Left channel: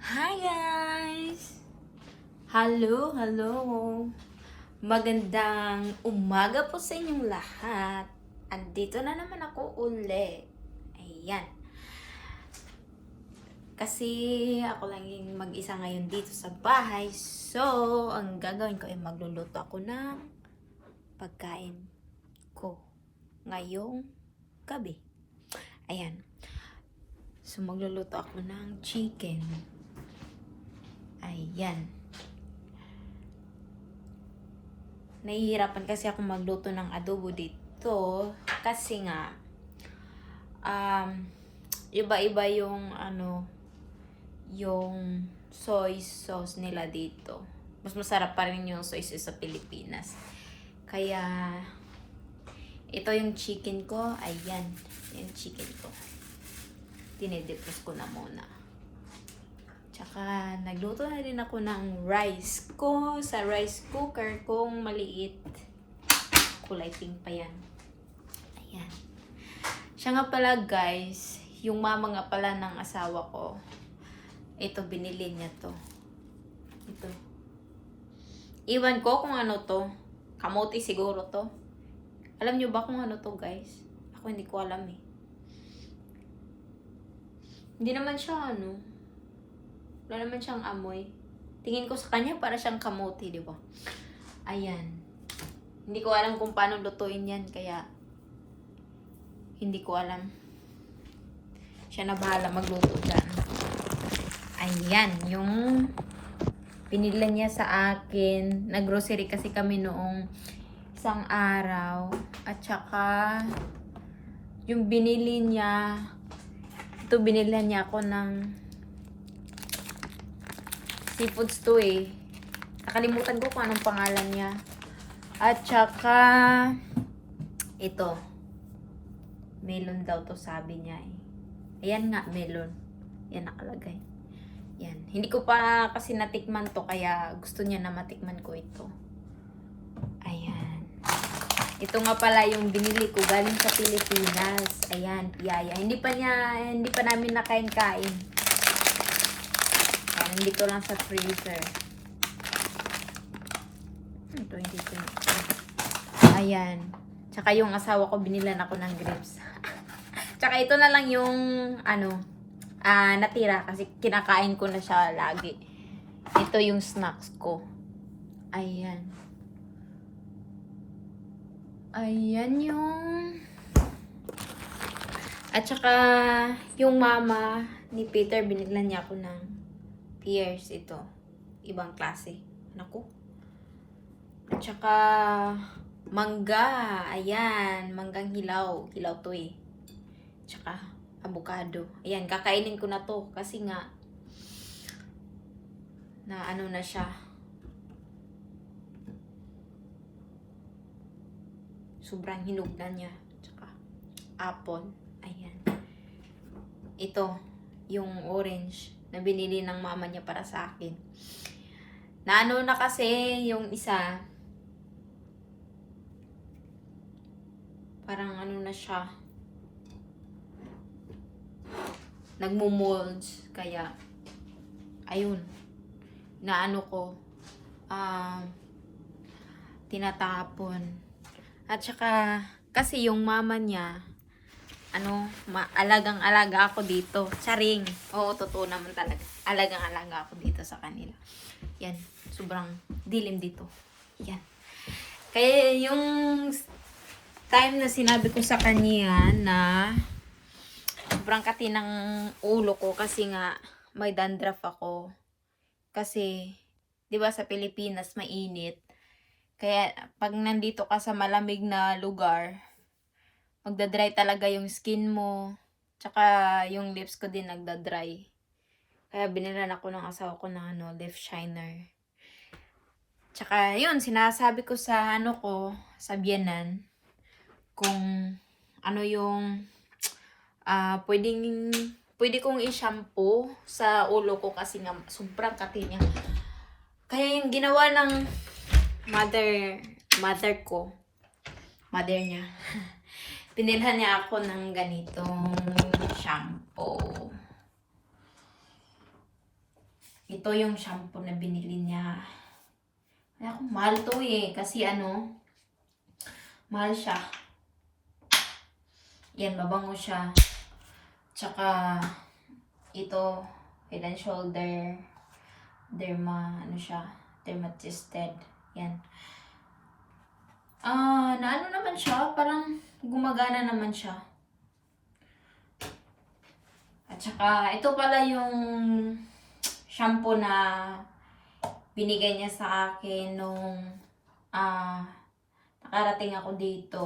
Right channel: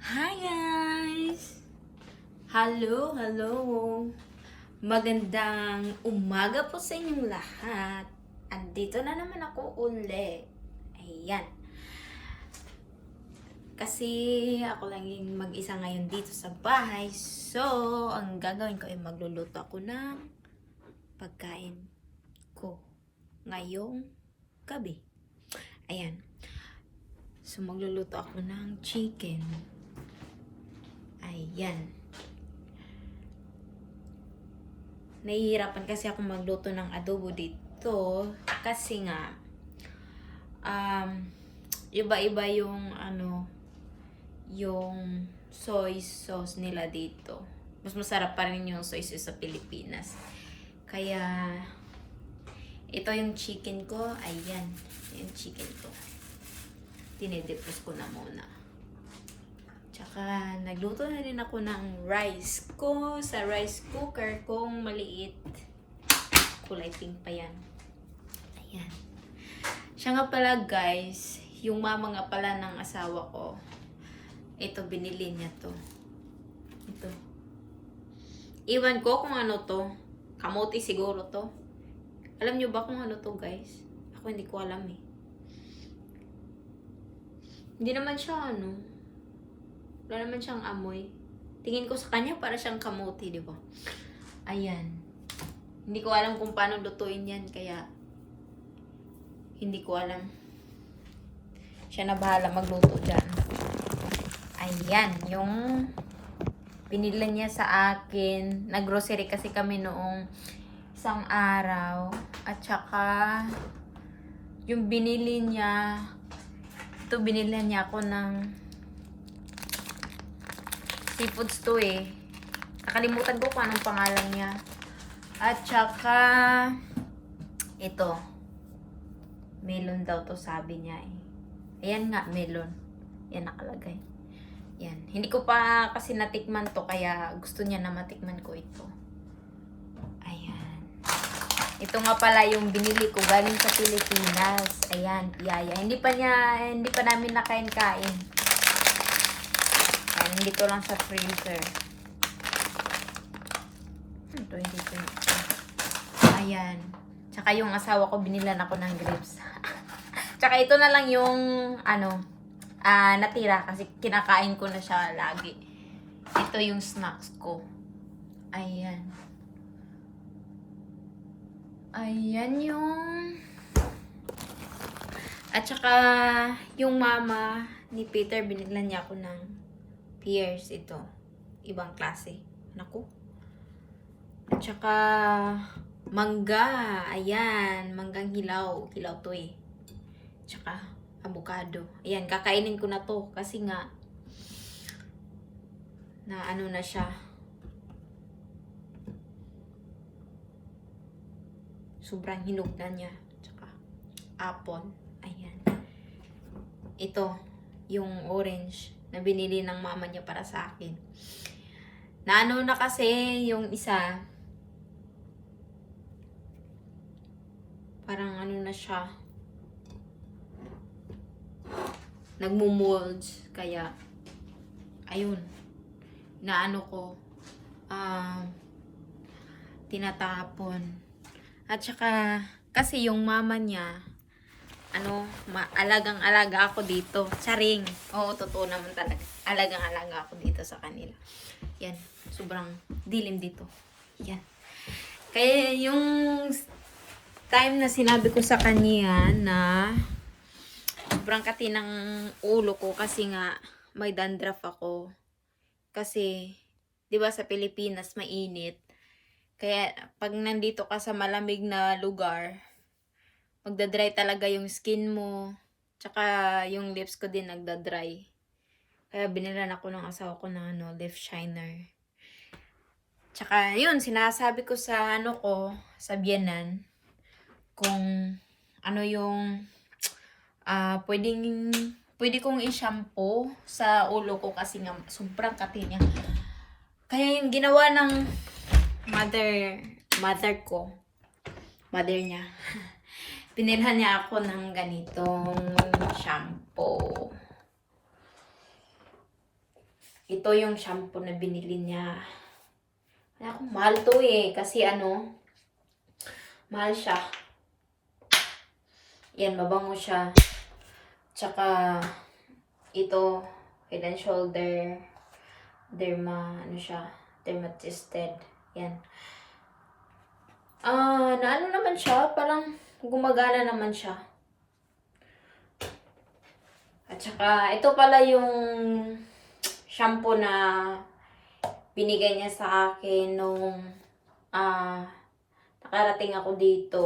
Hi guys! Hello! Magandang umaga po sa inyong lahat. Andito na naman ako uli. Ayan. Kasi ako lang yung mag-isa ngayon dito sa bahay. So, ang gagawin ko ay magluluto ako ng pagkain ko ngayong gabi. Ayan. So, magluluto ako ng chicken. Ayan. Nahihirapan kasi ako magluto ng adobo dito kasi nga iba-iba yung yung soy sauce nila dito. Mas masarap pa rin yung soy sauce sa Pilipinas. Kaya ito yung chicken ko. Ayan, yung chicken ko. Dinidepros ko na muna. Tsaka, nagluto na din ako ng rice ko sa rice cooker kong maliit. Kulay pink pa yan. Ayan. Siya nga pala guys, yung mama nga pala ng asawa ko. Ito, binili niya to. Ito. Iwan ko kung ano to. Kamote siguro to. Alam nyo ba kung ano to guys? Ako hindi ko alam eh. Hindi naman siya wala naman siyang amoy. Tingin ko sa kanya para siyang kamote, di ba? Ayan. Hindi ko alam kung paano lutuin yan, kaya hindi ko alam. Siya na bahala magluto dyan. Ayan, yung pinili niya sa akin. Nag-grocery kasi kami noong isang araw. At saka, yung binili niya, ito binili niya ako ng seafoods to eh. Nakalimutan ko kung anong pangalan niya. At saka, ito. Melon daw to sabi niya eh. Ayan nga, melon. Yan nakalagay. Yan. Hindi ko pa kasi natikman to, kaya gusto niya na matikman ko ito. Ayan. Ito nga pala yung binili ko galing sa Pilipinas. Ayan, piyaya. Hindi pa namin nakain-kain. Nandito lang sa freezer. 2020. Ayan. Tsaka yung asawa ko, binilan ako ng grapes. Tsaka ito na lang yung, natira. Kasi kinakain ko na siya lagi. Ito yung snacks ko. Ayan. Ayan yung... At saka, yung mama ni Peter, binilan niya ako ng pears ito. Ibang klase. Naku. At saka, mangga. Ayan. Manggang hilaw. Hilaw to eh. At saka, avocado. Ayan. Kakainin ko na to. Kasi nga, na na siya. Sobrang hinog na niya. At saka, apple. Ayan. Ito. Yung orange na binili ng mama niya para sa akin. Na kasi yung isa, parang na siya, nagmumold, kaya, ayun, ko, tinatapon. At saka, kasi yung mama niya, alagang-alaga ako dito. Charing. Oo, totoo naman talaga. Alagang-alaga ako dito sa kanila. Yan. Sobrang dilim dito. Yan. Kaya yung time na sinabi ko sa kanya na sobrang kati ng ulo ko kasi nga may dandruff ako. Kasi, di ba sa Pilipinas mainit. Kaya pag nandito ka sa malamig na lugar, magdadry talaga yung skin mo. Tsaka yung lips ko din nagdadry. Kaya binilan ako ng asawa ko ng lip shiner. Tsaka yun, sinasabi ko sa sa biyanan, kung ano yung pwede kong i-shampoo sa ulo ko kasi nga sobrang kati niya. Kaya yung ginawa ng mother niya, pinilhan niya ako ng ganitong shampoo. ito yung shampoo na binili niya. Kaya kung mahal to eh. Kasi ano, mahal siya. Yan, mabango siya. Tsaka, ito, Head and Shoulder, ano siya, dermatested. Yan. Naano naman siya, parang gumagana naman siya. At saka, ito pala yung shampoo na binigay niya sa akin nung nakarating ako dito.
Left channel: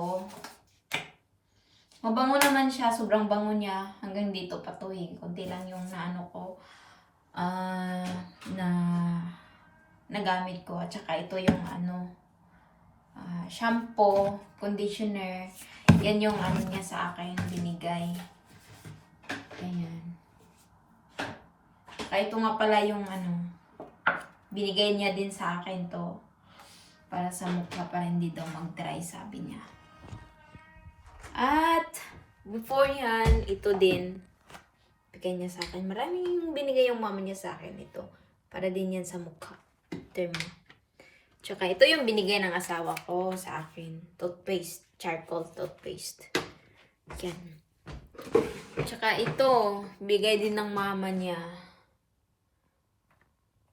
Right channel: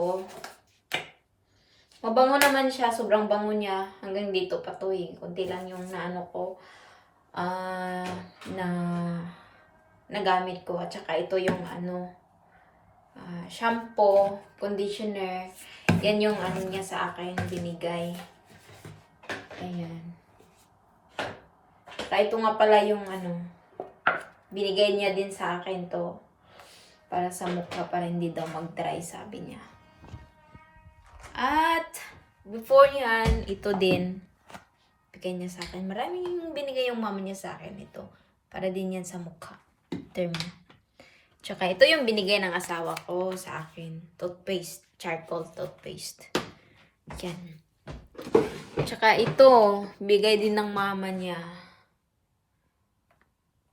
Mabango naman siya, sobrang bango niya. Hanggang dito pa to eh. Kunti lang yung naano ko, na nagamit ko. At saka ito yung ano, shampoo, conditioner. Yan yung ano niya sa akin binigay. Ayan. Kaya ito nga pala yung ano, binigay niya din sa akin to. Para sa mukha, para hindi daw mag-dry, sabi niya. At, before yan, ito din, bigay niya sa akin. Maraming binigay yung mama niya sa akin ito. Para din yan sa mukha. Termo. Tsaka, ito yung binigay ng asawa ko sa akin. Toothpaste. Charcoal toothpaste. Yan. Tsaka, ito, bigay din ng mama niya.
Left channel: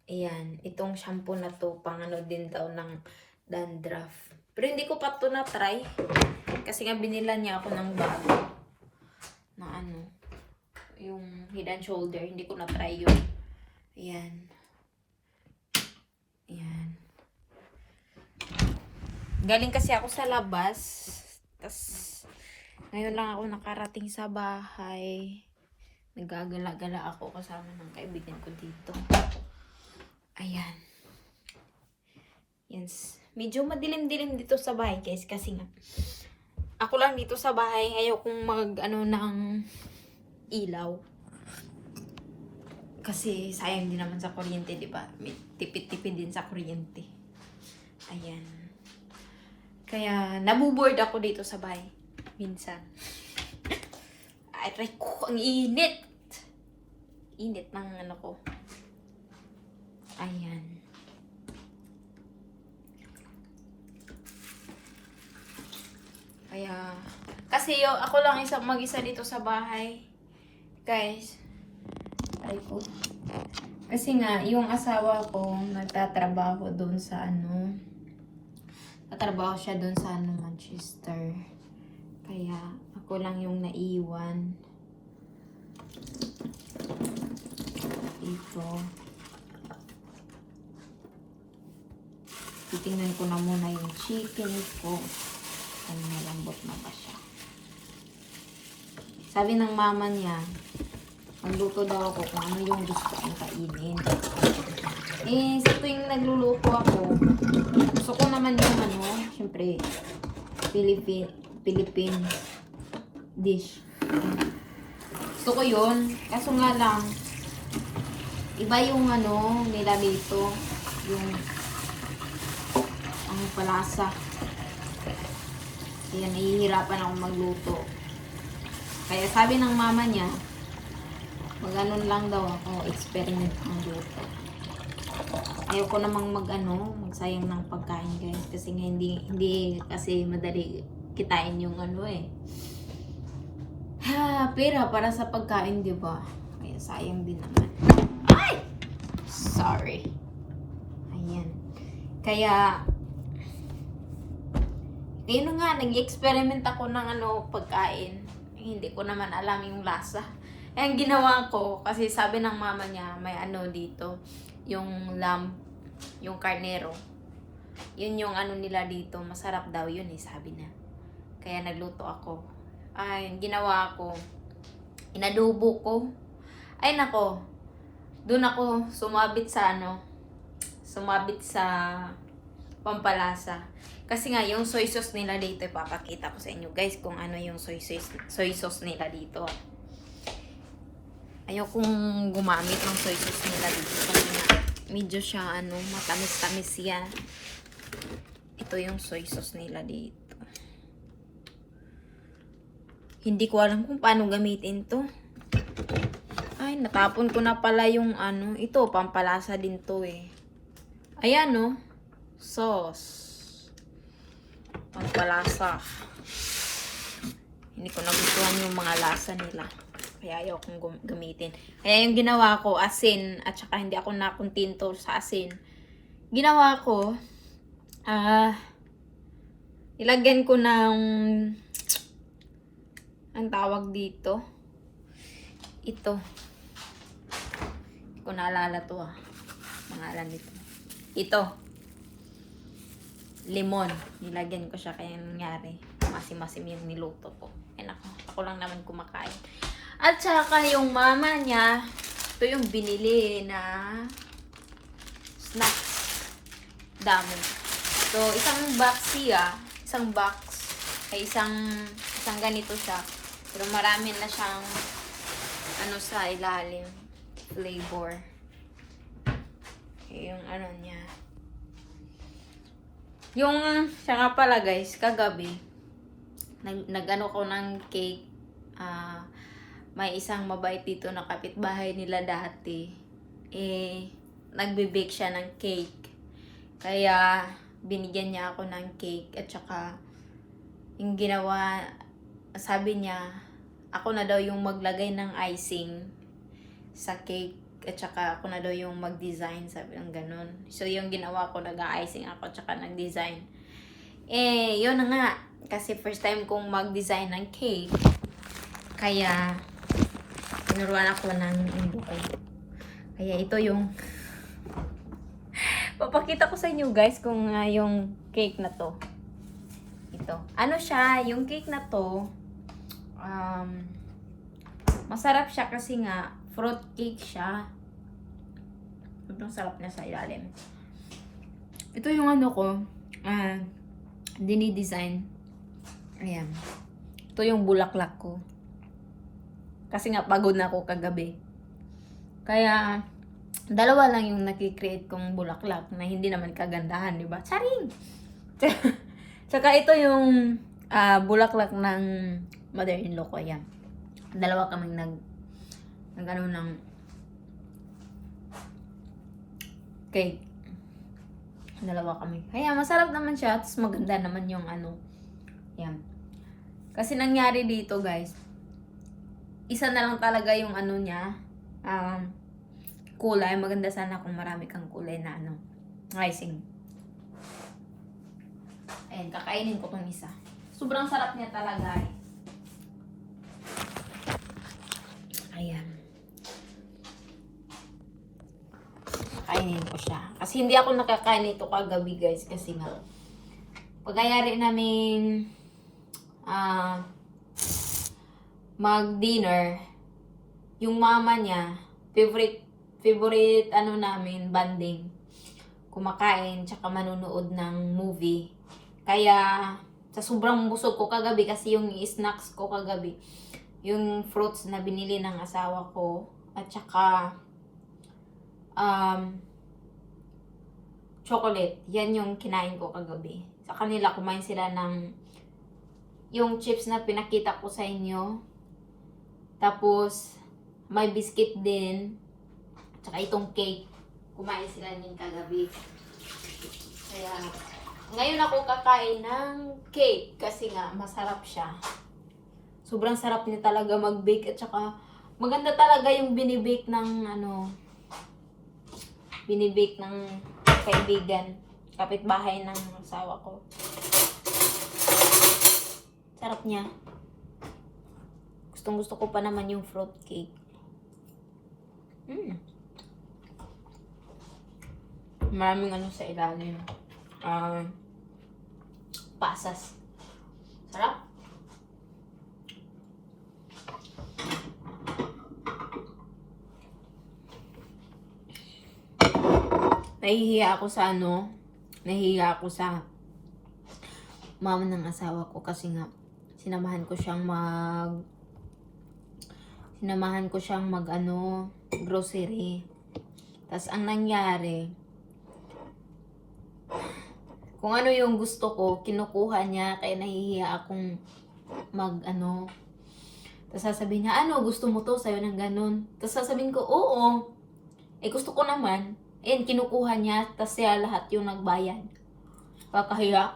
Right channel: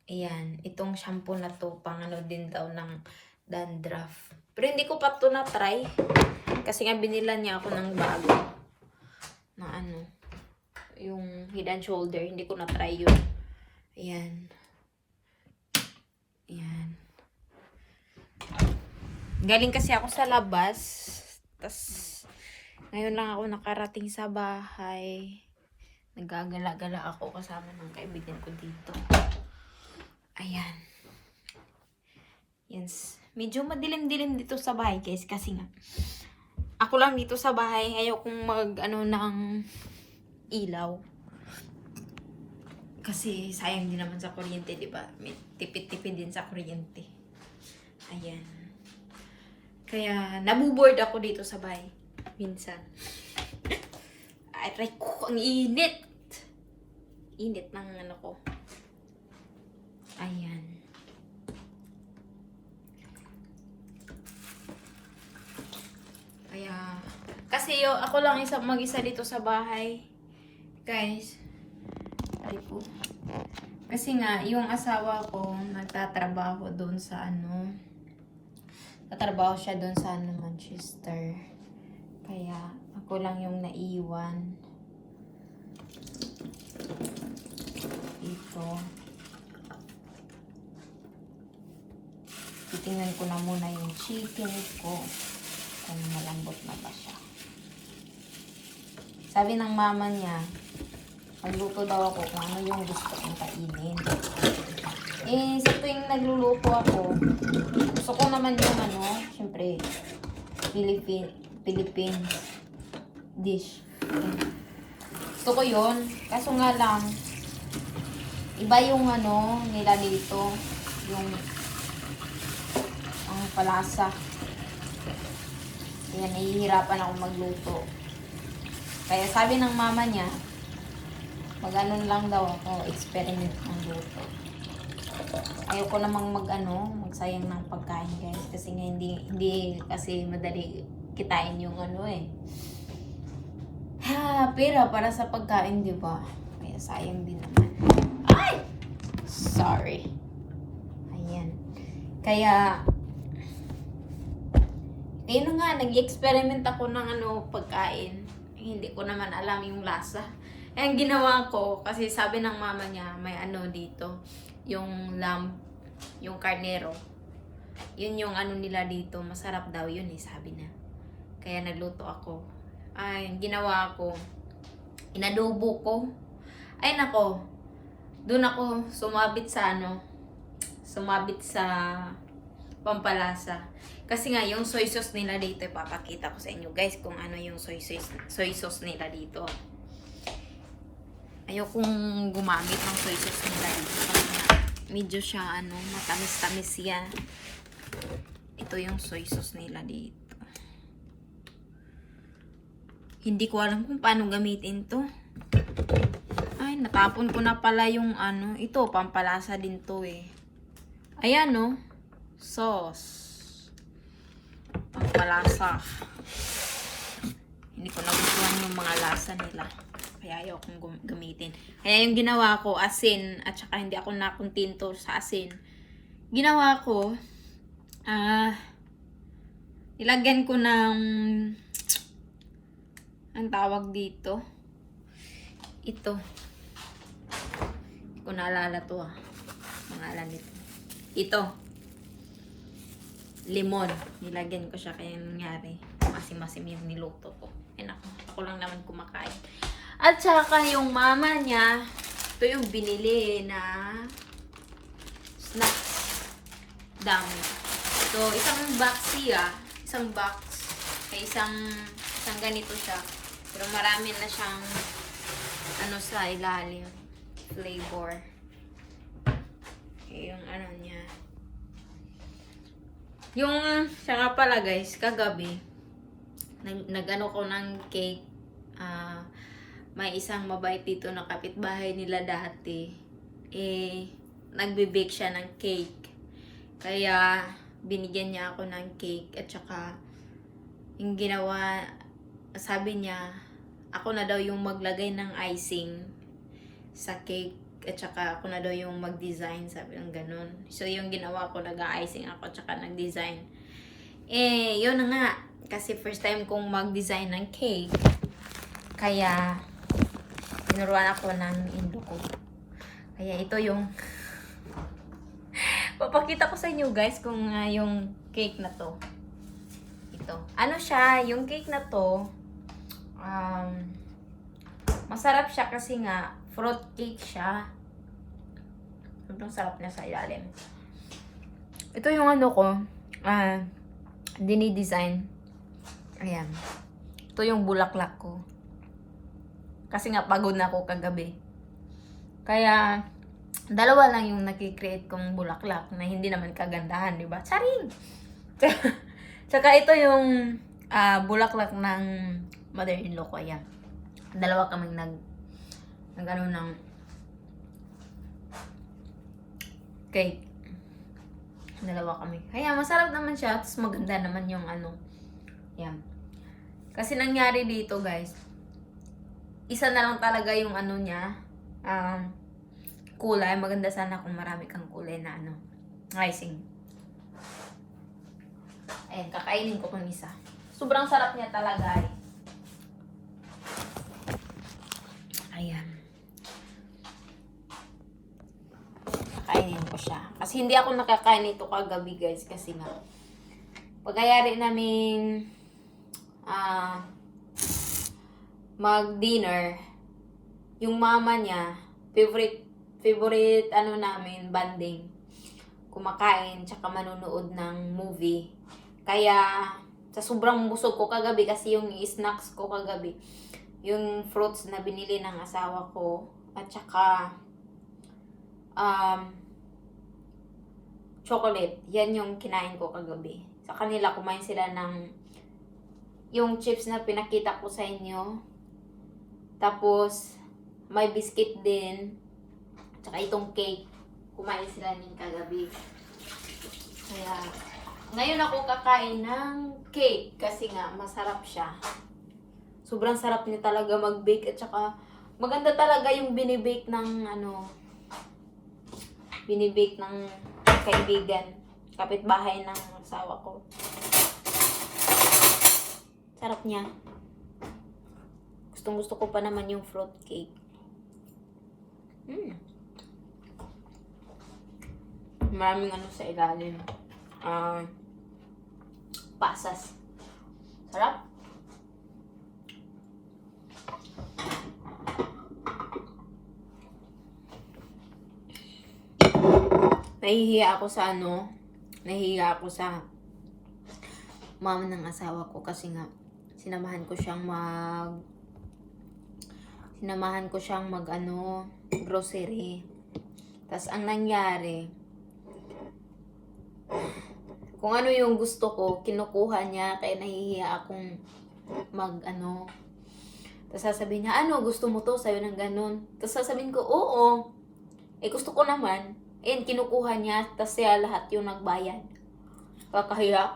Ayan. Itong shampoo na to, pang ano din daw ng dandruff. Pero hindi ko pa to na-try. Kasi nga binilan niya ako ng bago na ano, yung Head and Shoulder. Hindi ko na-try yun. Ayan. Ayan. Galing kasi ako sa labas. Tas, ngayon lang ako nakarating sa bahay. Nagagala-gala ako kasama ng kaibigan ko dito. Ayan. Yes. Medyo madilim-dilim dito sa bahay, guys. Kasi nga, ako lang dito sa bahay. Ayaw kong mag-ano ng ilaw. Kasi sayang din naman sa kuryente, di ba? May tipid-tipid din sa kuryente. Ayan. Kaya, nabuboard ako dito sa bahay. Minsan. Ay, try ko. Ang init. Init ng ano ko. Ayan. Kaya, kasi ako lang mag-isa dito sa bahay. Guys, ay po. Kasi nga, yung asawa ko, nagtatrabaho doon sa ano, tatrabaho siya doon sa ano, Manchester. Kaya, ako lang yung naiwan. Ito. Titingnan ko na muna yung chicken ko. Kung malambot na ba siya. Sabi ng mama niya, magluto daw ako kung ano yung gusto kong kainin. Eh, sa tuwing nagluluto ako, gusto ko naman yung ano, syempre, Philippine dish. Gusto ko yun. Kaso nga lang, iba yung ano, nila dito, yung ang palasa. Kaya nahihirapan ako magluto. Kaya sabi ng mama niya, mag-anon lang daw ako, experiment ng luto. Ayoko namang magsayang ng pagkain, guys. Kasi nga hindi kasi madali kitain yung ano eh. Pera para sa pagkain, di ba? Kaya sayang din naman. Ay! Sorry. Ayan. Kaya, yun na nga, nag-experiment ako ng pagkain. Hindi ko naman alam yung lasa. Eh, ang ginawa ko, kasi sabi ng mama niya, may dito, yung lamb, yung carnero. Yun yung nila dito, masarap daw yun sabi na. Kaya nagluto ako. Ay, ginawa ko, inadubo ko. Ay nako, doon ako sumabit sa pampalasa. Kasi nga, yung soy sauce nila dito, ipapakita ko sa inyo, guys, kung ano yung soy sauce nila dito. Ayaw kong gumamit ng soy sauce nila dito. Kasi nga, medyo siya, matamis-tamis yan. Ito yung soy sauce nila dito. Hindi ko alam kung paano gamitin to. Ay, natapon ko na pala yung ano. Ito, pampalasa din to eh. Ayan, no? Sauce. Pampalasa. Hindi ko nagustuhan yung mga lasa nila. Kaya ayaw kong gamitin. Kaya yung ginawa ko, asin. At saka hindi ako nakuntinto sa asin. Ginawa ko, ilagyan ko ng, ang tawag dito, ito. Hindi ko naalala to pangalan nito. Ito. Limon. Nilagyan ko siya kaya nangyari. Masim-masim yung niluto ko. Eh ako lang naman kumakain. At saka yung mama niya, ito yung binili na snacks. Dami. So, isang box siya. Isang box. Ay isang ganito siya. Pero marami na siyang ano sa ilalim. Flavor. Yung ano niya. Yung, siya nga pala guys, kagabi, nag-ano ko ng cake. May isang mabait dito na kapitbahay nila dati. Nagbe-bake siya ng cake. Kaya, binigyan niya ako ng cake. At saka, yung ginawa, sabi niya, ako na daw yung maglagay ng icing sa cake. At saka ako na daw yung mag-design, sabi ng ganun. So, yung ginawa ko, nag-icing ako, at saka nag-design. Yun na nga. Kasi first time kong mag-design ng cake. Kaya, tinuruan ako ng indo ko. Kaya ito yung papakita ko sa inyo guys kung yung cake na to. Ito. Ano siya, yung cake na to, masarap siya kasi nga, fruit cake siya. Sobrang sarap niya sa ilalim. Ito yung ano ko, dinidesign. Ayan. Ito yung bulaklak ko. Kasi nga pagod na ako kagabi. Kaya, dalawa lang yung nakikreate kong bulaklak na hindi naman kagandahan, di ba? Charing! Tsaka ito yung bulaklak ng mother-in-law ko. Ayan. Dalawa kaming ano ng cake. Dalawa kami. Kaya masarap naman siya. Tapos maganda naman yung ano. Yan. Kasi nangyari dito guys. Isa na lang talaga yung ano niya. Kulay. Maganda sana kung marami kang kulay na ano. Icing. Ayan. Kakainin ko tong isa. Sobrang sarap niya talaga. Ayan. Kainin ko siya. Kasi hindi ako nakakain ito kagabi guys. Kasi nga, pagkayari namin mag-dinner, yung mama niya, favorite ano namin, banding. Kumakain, tsaka manunood ng movie. Kaya, sa sobrang busog ko kagabi, kasi yung snacks ko kagabi, yung fruits na binili ng asawa ko, at saka chocolate. Yan yung kinain ko kagabi. Sa kanila, kumain sila ng yung chips na pinakita ko sa inyo. Tapos, may biscuit din. Tsaka itong cake. Kumain sila din kagabi. Kaya, ngayon ako kakain ng cake. Kasi nga, masarap siya. Sobrang sarap niya talaga mag-bake. At saka, maganda talaga yung binibake ng binibake ng kaibigan, kapitbahay ng asawa ko. Sarap niya. Gustong gusto ko pa naman yung fruit cake. Maraming ano sa ilalim. Pasas. Sarap. Nahihiya ako sa mama ng asawa ko kasi nga sinamahan ko siyang mag grocery. Tas ang nangyari, kung ano yung gusto ko, kinukuha niya, kaya nahihiya akong Tapos sasabihin niya, ano, gusto mo to? Sa'yo ng ganun. Tapos sasabihin ko, oo. Gusto ko naman. Kinukuha niya. Tapos siya lahat yung nagbayad. Kakahiya.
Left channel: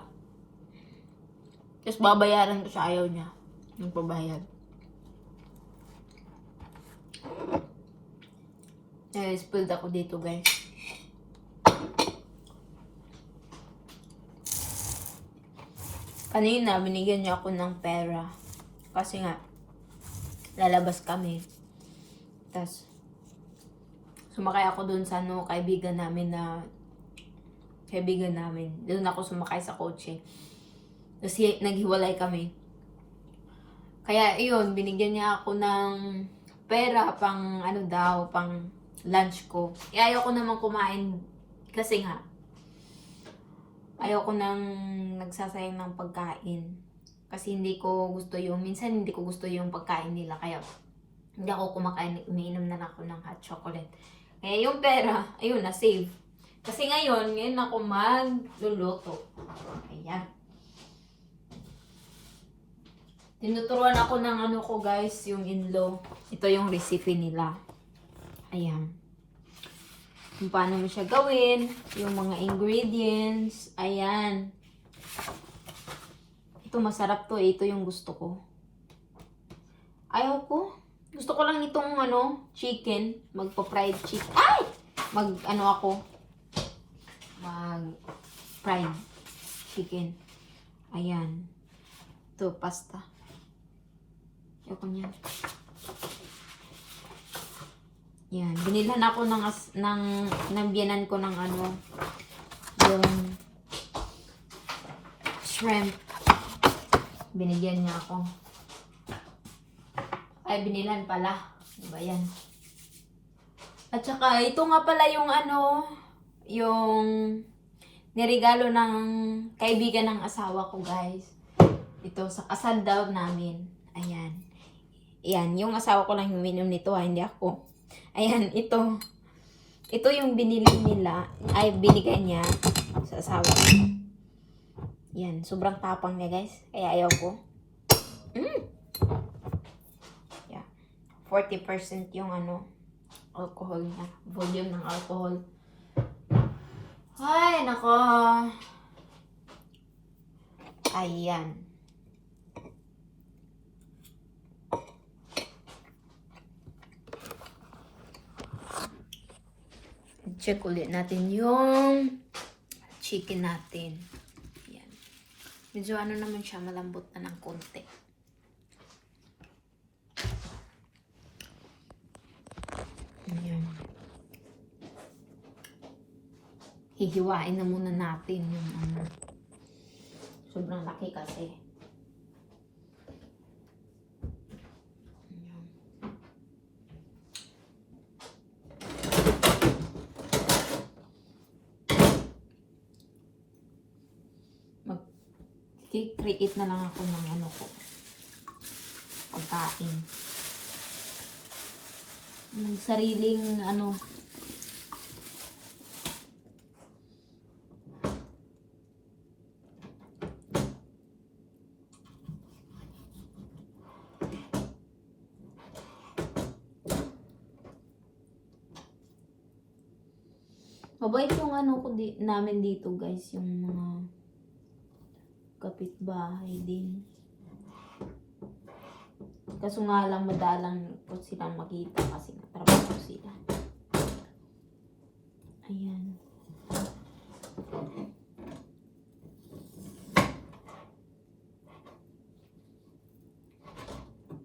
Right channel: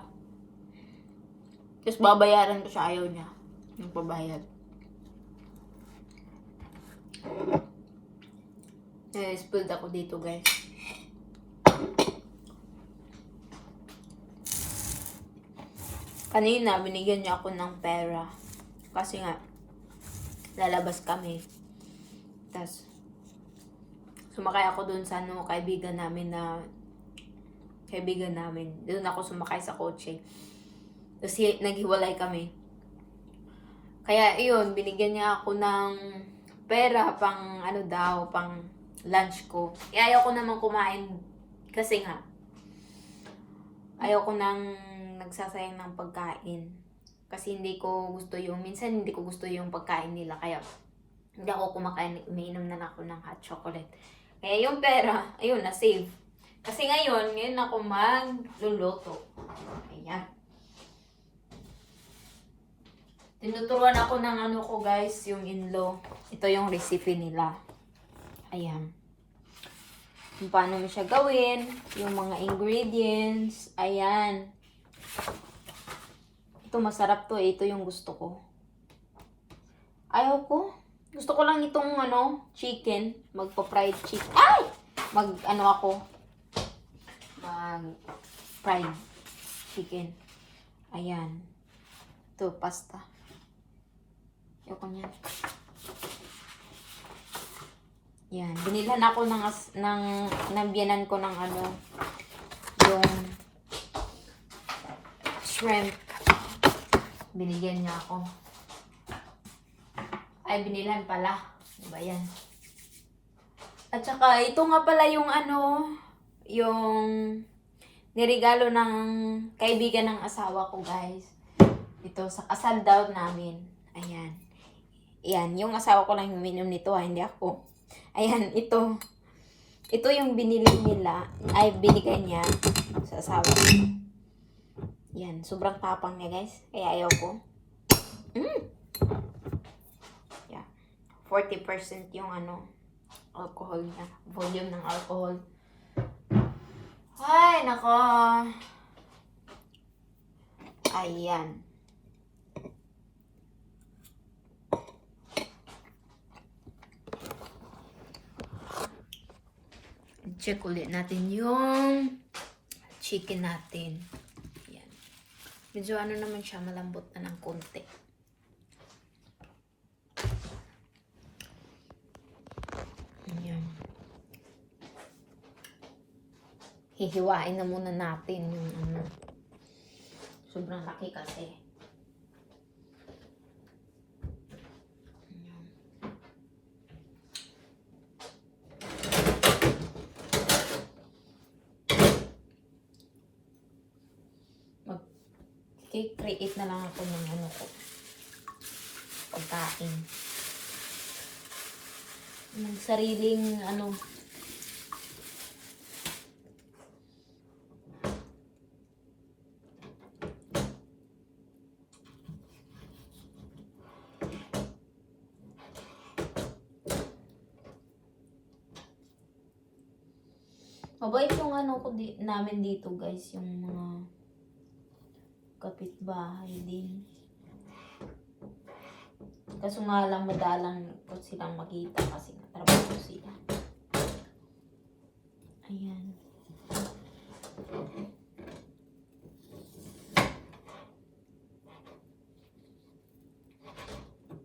Tapos babayaran ko siya, ayaw niya. Yung pabayad. Spoiled ako dito, guys. Kanina, binigyan niya ako ng pera. Kasi nga, lalabas kami. Tapos, sumakay ako dun sa kaibigan namin. Doon ako sumakay sa kotse. Tapos, naghiwalay kami. Kaya, iyon, binigyan niya ako ng pera pang, pang lunch ko. Ayaw ko naman kumain kasi nga, ayaw ko nang nagsasayang ng pagkain. Kasi minsan hindi ko gusto yung pagkain nila. Kaya hindi ako kumakain, umiinom na ako ng hot chocolate. Kaya yung pera, ayun, na-save. Kasi ngayon ako magluluto. Ayan. Tinuturuan ako ng ko guys, yung in-law. Ito yung recipe nila. Ayan. Kung paano mo siya gawin, yung mga ingredients, ayan. Ito masarap to, ito yung gusto ko. Ayaw ko. Gusto ko lang itong chicken, magpa-fried chicken. Ay! Mag-fried chicken. Ayan. Ito, pasta. Ayaw ko niyan. Yan, binilhan ako ng biyanan ko ng yung shrimp. Binigyan niya ako. Ay, binilhan pala. Diba yan? At saka, ito nga pala yung yung niregalo ng kaibigan ng asawa ko, guys. Ito, sa kasal daw namin. Ayan. Ayan, yung asawa ko lang huminom nito, hindi ako. Ayan, ito. Ito yung binili nila, binigay niya sa asawa ko. Yan, sobrang tapang niya, guys. Kaya ayaw ko. Yeah. 40% yung alcohol niya. Volume ng alcohol. Ay, nako. Ayan. Check ulit natin yung chicken natin. Ayan. Medyo naman siya, malambot na ng konti. Ayan. Hihiwain na muna natin yung sobrang laki kasi. Create na lang ako ng pagkain. Sariling mabait yung namin dito, guys, yung mga kapitbahay din. Kaso nga lang madalang ko silang makita kasi trabaho sila. Ayan.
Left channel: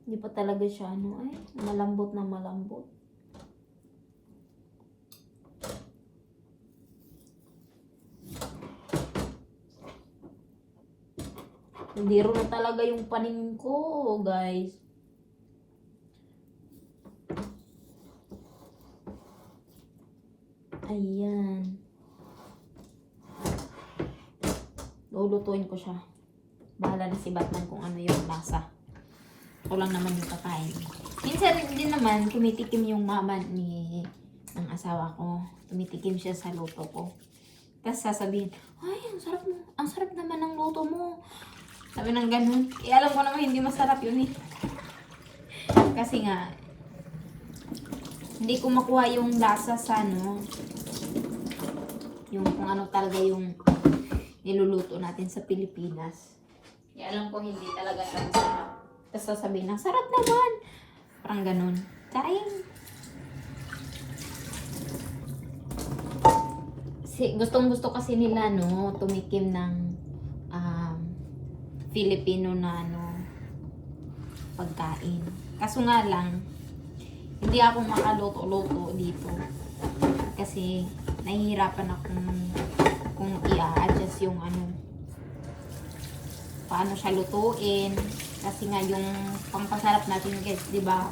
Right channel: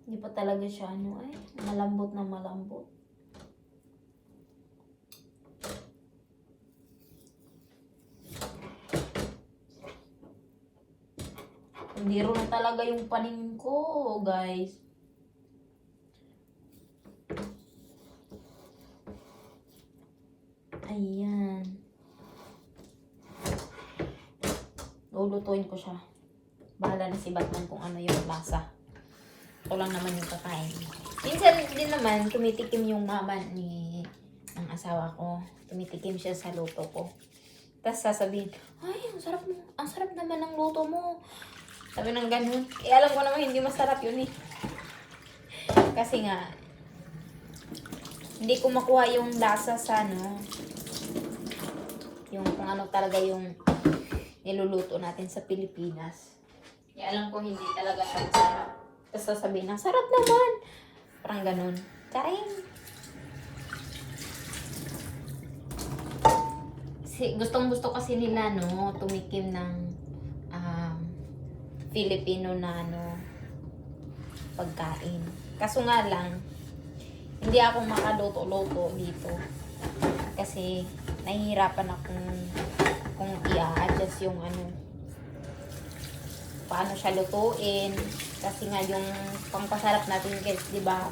Hindi pa talaga siya malambot na malambot. Hindi rin na talaga yung paningin ko, guys. Ayan. Lulutuin ko siya. Bahala na si Batman kung ano yung lasa. Ako lang naman yung kakain. Minsan din naman, tumitikim yung mama ng asawa ko. Tumitikim siya sa luto ko. Tapos sasabihin, ay, ang sarap mo. Ang sarap naman ng luto mo. Sabi ng ganun. Alam ko naman hindi masarap yun . Kasi nga, hindi ko makuha yung lasa sa ano, yung kung ano talaga yung niluluto natin sa Pilipinas. Kaya alam ko hindi talaga yan sarap. Tapos sasabihin ng sarap naman. Parang ganun. Charing! Gustong gusto kasi nila no, tumikim ng Filipino na ano, pagkain. Kaso nga lang, hindi ako makaluto-luto dito. Kasi nahihirapan akong kung i-adjust yung ano, paano siya lutuin. Kasi nga yung pangpasarap natin guys, di ba?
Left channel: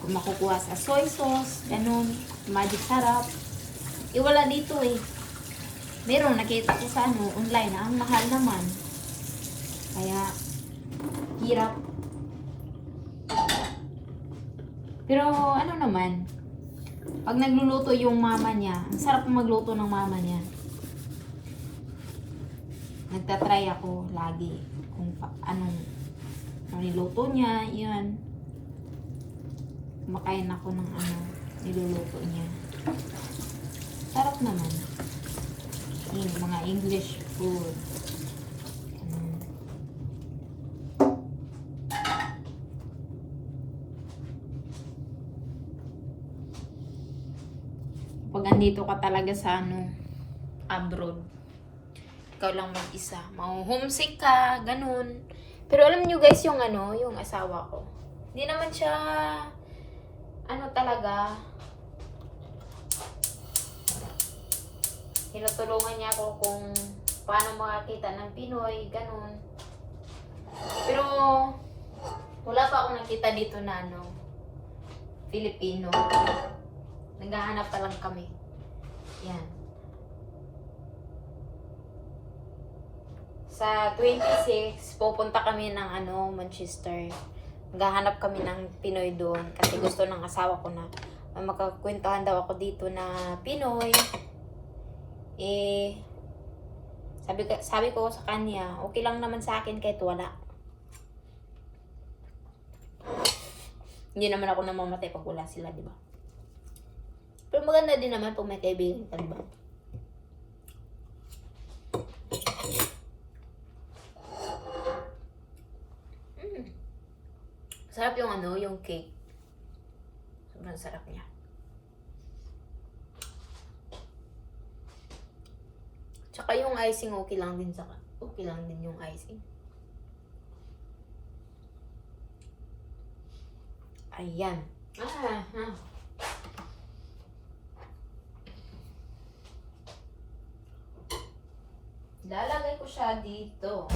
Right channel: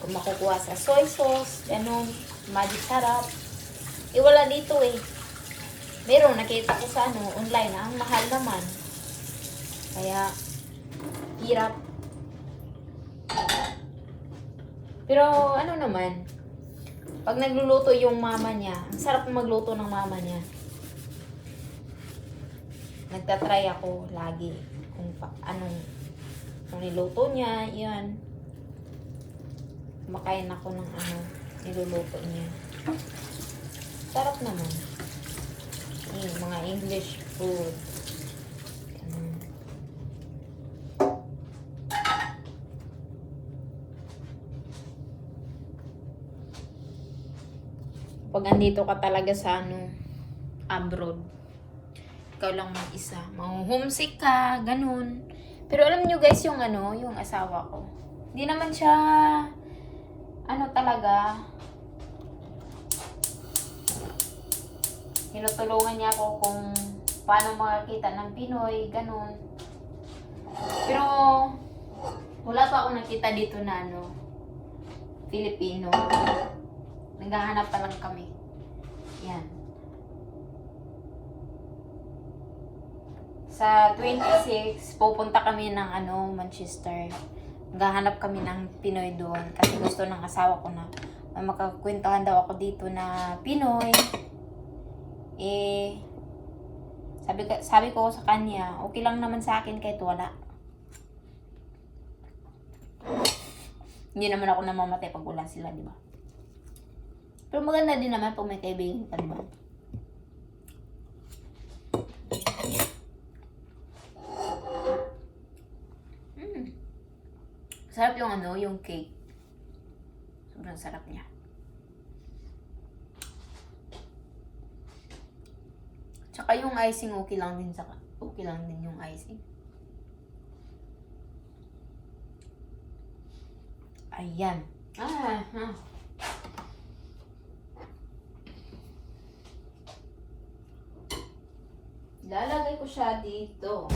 Kung makukuha sa soy sauce, ganun, magic sarap. Wala dito eh. Meron, nakita ko sa ano, online, ang mahal naman. Kaya, hirap. Pero, ano naman, pag nagluluto yung mama niya, ang sarap magluto ng mama niya. Nagtatry ako lagi kung anong niluto niya, yan. Kumakain ako ng ano, niluluto niya. Sarap naman. Yung mga English food. Pag andito ka talaga sa ano, abroad, ikaw lang mag-isa, homesick ka, ganun. Pero alam nyo guys, yung ano, yung asawa ko, hindi naman siya, ano talaga, tinutulungan niya ako kung paano makakita ng Pinoy, ganun. Pero, wala pa ako nakita dito na ano, Filipino. Naghahanap pa lang kami. Yan. Sa 26, pupunta kami ng ano, Manchester. Naghahanap kami ng Pinoy doon kasi gusto ng asawa ko na makakwentuhan daw ako dito na Pinoy. Eh, sabi ko sa kanya, okay lang naman sa akin kahit wala. Hindi naman ako namamatay pag wala sila, di ba? Pero maganda din naman pag may kaibigan ka, di ba? Sarap yung ano, yung cake. Sobrang sarap niya. Tsaka yung icing okay lang din yung icing. Ayan. Lalagay ko siya dito.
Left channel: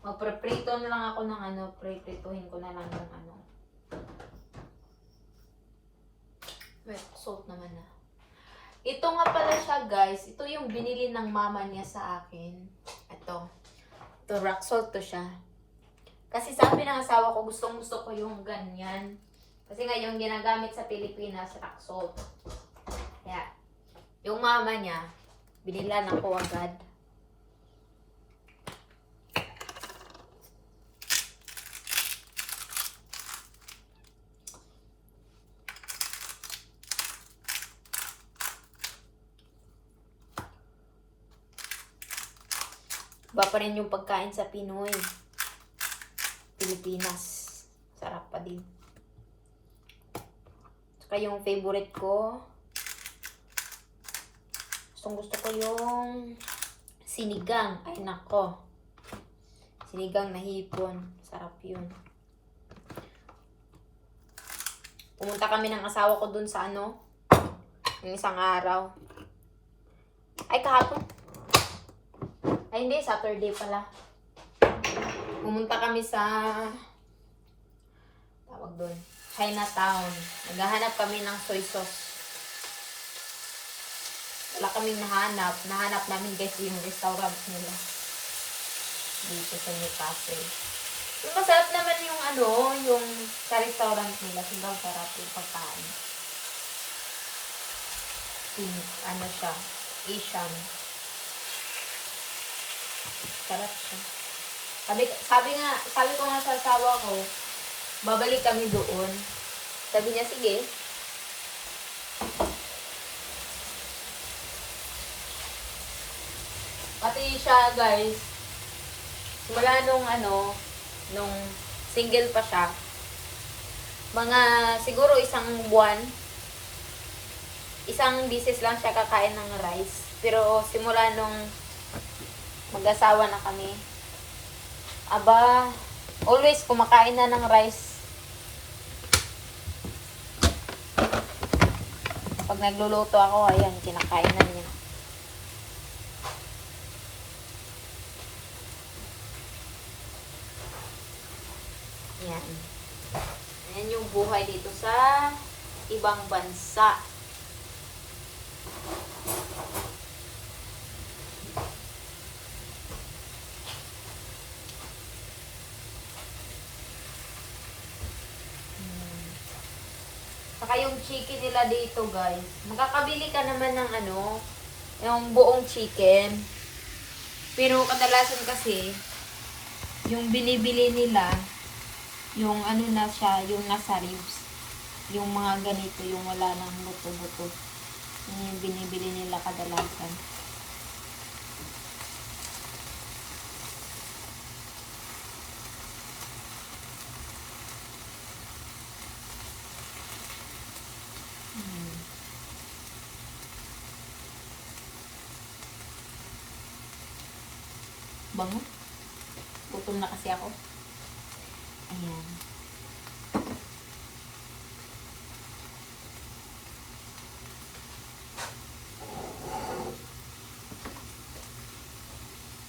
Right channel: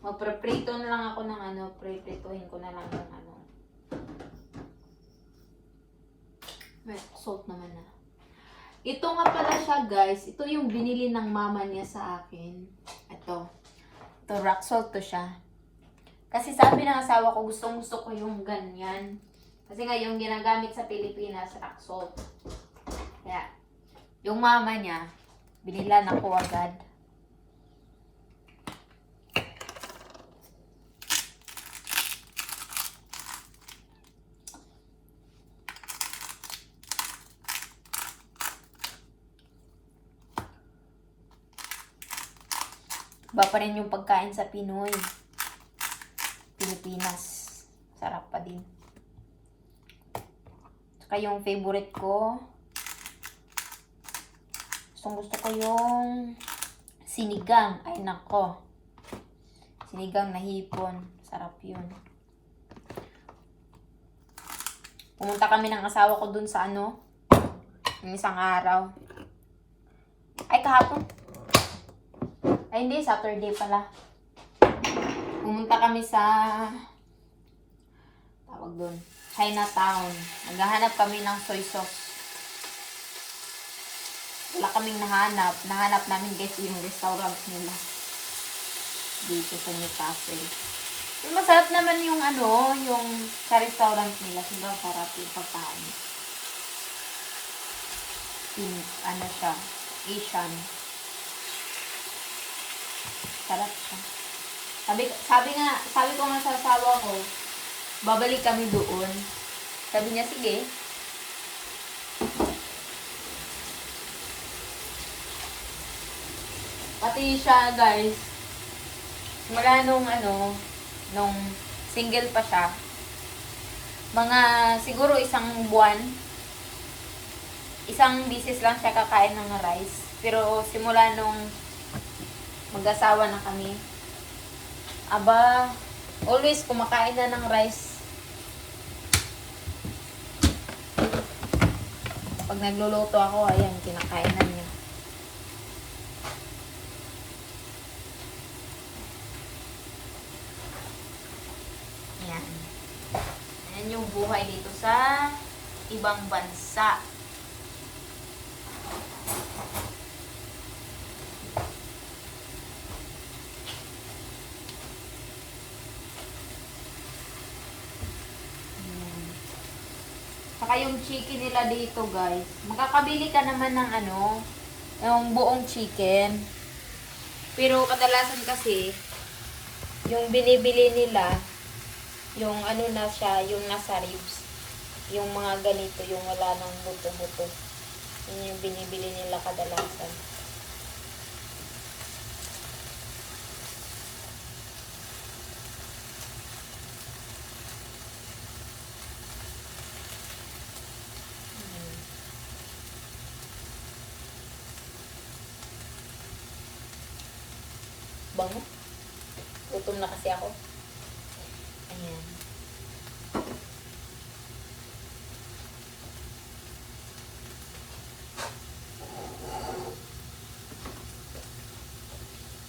Magpreprito na lang ako ng ano, preprituhin ko na lang ng ano. Wait, salt naman na. Ito nga pala siya guys, ito yung binili ng mama niya sa akin. Ito rock salt to siya. Kasi sabi ng asawa ko, gusto ko yung ganyan. Kasi nga yung ginagamit sa Pilipinas, rock salt. Kaya, yung mama niya, binilan ako agad. Iba pa rin yung pagkain sa Pinoy. Pilipinas. Sarap pa din. Saka yung favorite ko, gusto ko yung sinigang. Ay nako. Sinigang na hipon. Sarap yun. Pumunta kami ng asawa ko dun sa ano, yung isang araw. Ay kahapon. Ay, hindi. Saturday pala. Pumunta kami sa tawag doon, Chinatown. Naghahanap kami ng soy sauce. Wala kaming nahanap. Nahanap namin guys yung restaurant nila. Dito sa Newcastle. Yung masarap naman yung ano, yung sa restaurant nila. Sobrang sarap yung pagkain. Ano siya? Asian. Sarap siya. Sabi ko nga sa asawa ko, babalik kami doon. Sabi niya, sige. Pati siya, guys, simula nung single pa siya, mga siguro isang buwan, isang bisis lang siya kakain ng rice. Pero simula nung mag-asawa na kami, aba, always kumakain na ng rice. Pag nagluluto ako, ayan, kinakain na niya. Ayan. Ayan yung buhay dito sa ibang bansa. Saka yung chicken nila dito, guys. Makakabili ka naman ng yung buong chicken. Pero kadalasan kasi, yung binibili nila, yung na siya, yung nasa ribs. Yung mga ganito, yung wala ng buto-buto. Yun yung binibili nila kadalasan. Bango. Gutom na kasi ako. Ayan.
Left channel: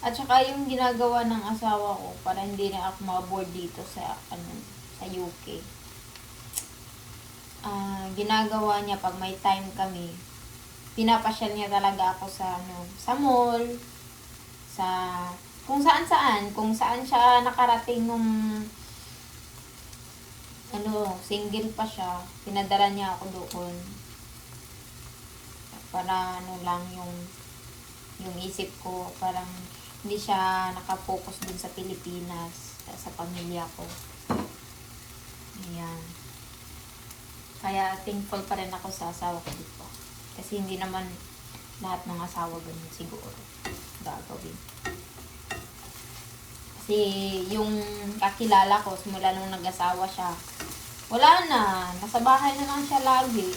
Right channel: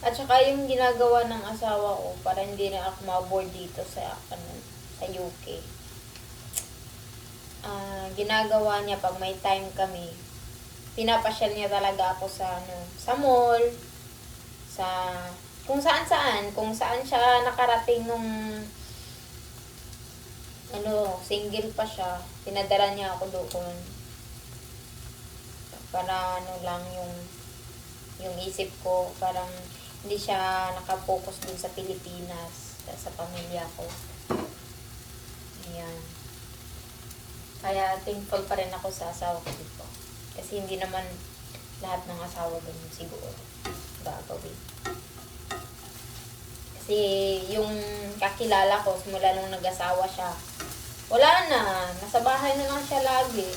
At saka yung ginagawa ng asawa ko para hindi na ako ma-board dito sa sa UK. Ginagawa niya pag may time kami, pinapasyal niya talaga ako sa mall, sa kung saan siya nakarating nung single pa siya, pinadala niya ako doon. Para lang yung isip ko, parang hindi siya nakapokus dun sa Pilipinas, sa pamilya ko. Ayan. Kaya thankful pa rin ako sa asawa ko dito. Kasi hindi naman lahat ng asawa ganun siguro gagawin. Kasi yung kakilala ko, simula nung nag-asawa siya, wala na. Nasa bahay na lang siya lagi.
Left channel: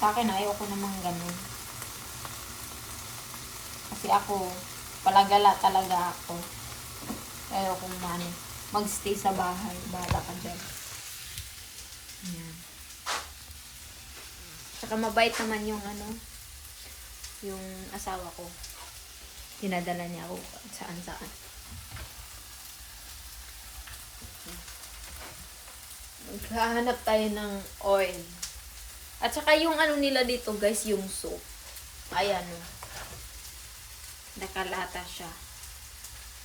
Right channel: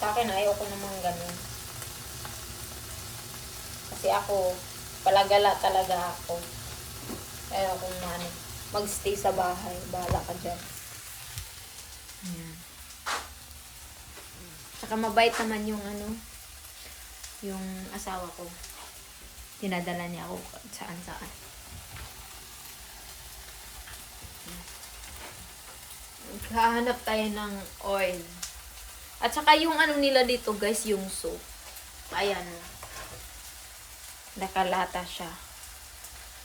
Sa akin, ayoko namang ganun. Kasi ako, palagala talaga ako. Ayoko magstay sa bahay. Bahala ka dyan. Ayan. Saka mabait naman yung asawa ko. Dinadala niya ako saan-saan. Maghahanap tayo ng oil. At saka yung nila dito, guys, yung soap. Ayan, nakalata siya.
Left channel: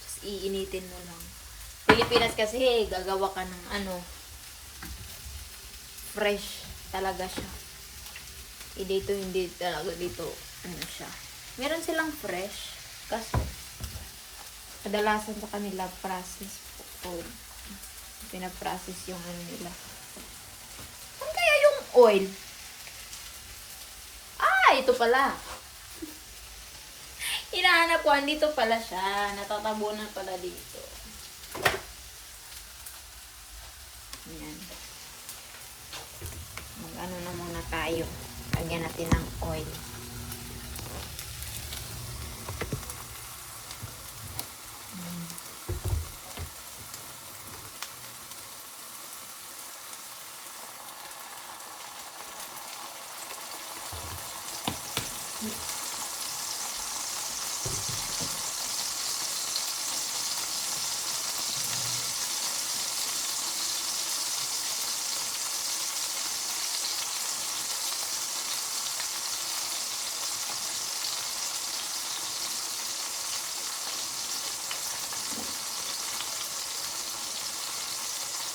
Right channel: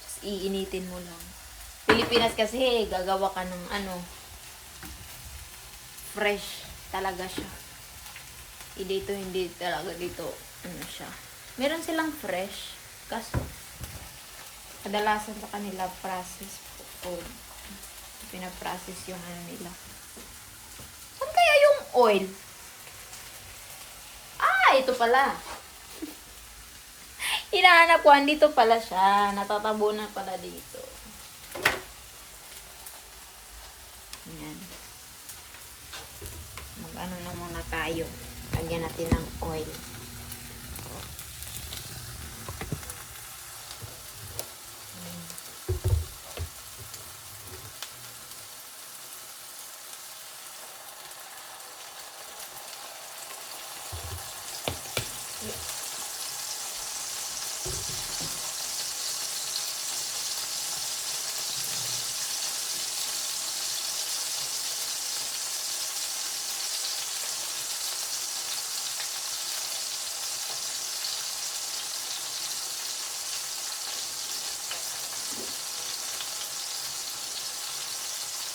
Just iinitin mo lang. Pilipinas kasi, gagawa ka ng fresh talaga siya. Dito, hindi talaga dito, siya. Meron silang fresh. Kaso, kadalasan sa kanila processed food. Pinaprocess yung nila. Saan kaya yung oil? Ito pala. Hinahanap ko, dito pala siya. Natatabunan pala dito. Ayan. Mag-ano na muna tayo. Lagyan natin ng oil.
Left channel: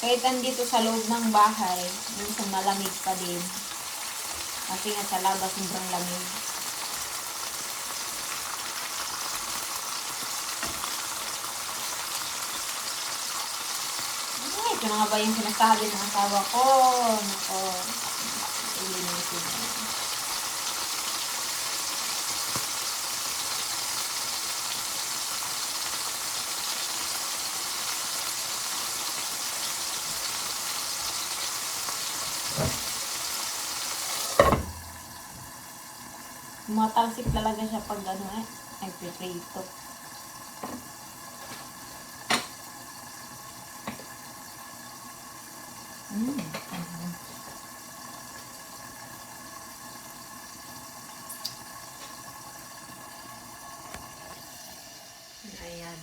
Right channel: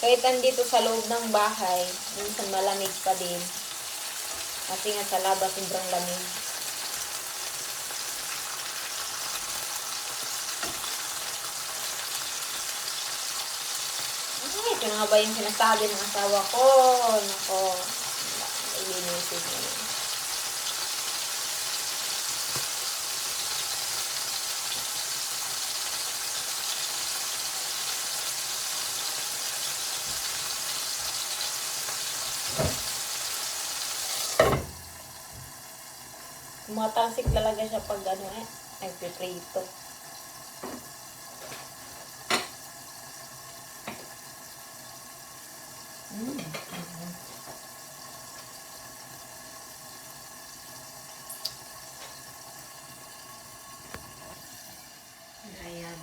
Kahit andito sa loob ng bahay, minsan malamig pa din. Kasi nga sa labas, sobrang lamig. Ito na nga ba yung sinasabi ng asawa ko? Nako. Hindi naman sige. Matalsik talaga siya pag ano ay piprito. Ayan.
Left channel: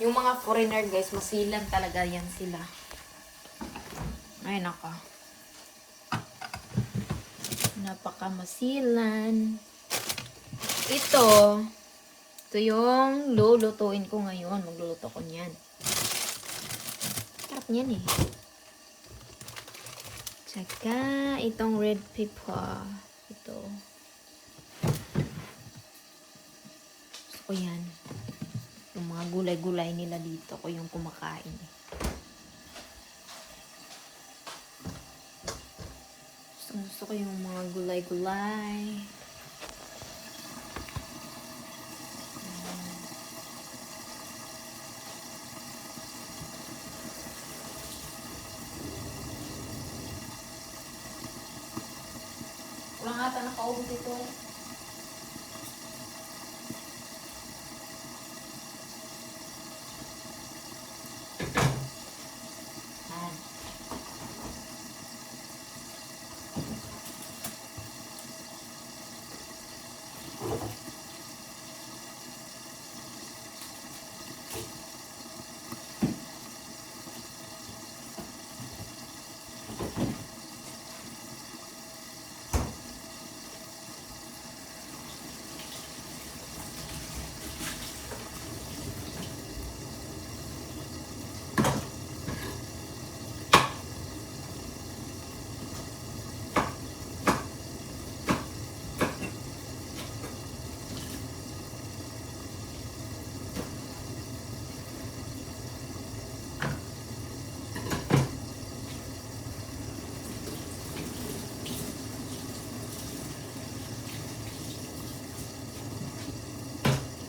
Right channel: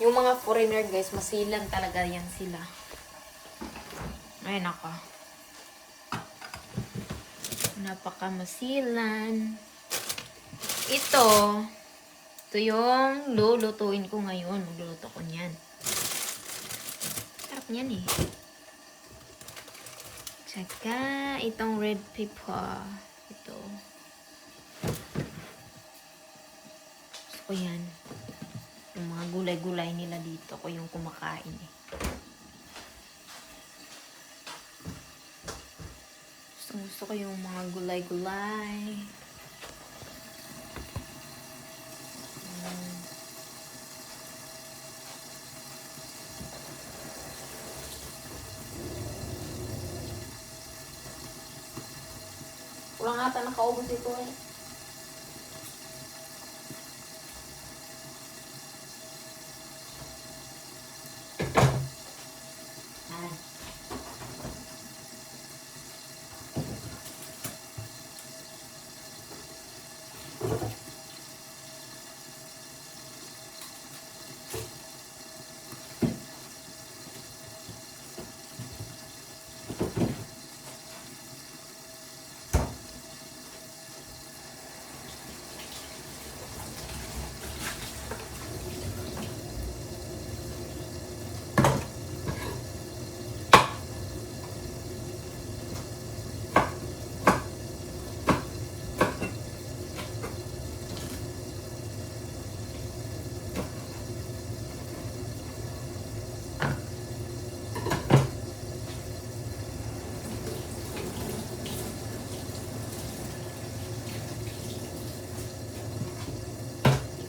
Yung mga foreigner guys, masilan talaga yan sila. Ay nako. Napaka masilan. Ito yung lulutuin ko ngayon. Magluluto ko niyan. Sarap niyan eh. Tsaka itong red pepper. Ito. Ako yan. Yung mga gulay-gulay nila dito ko yung kumakain eh. Gusto ko yung mga gulay-gulay. Walang ata nakaubos ito eh.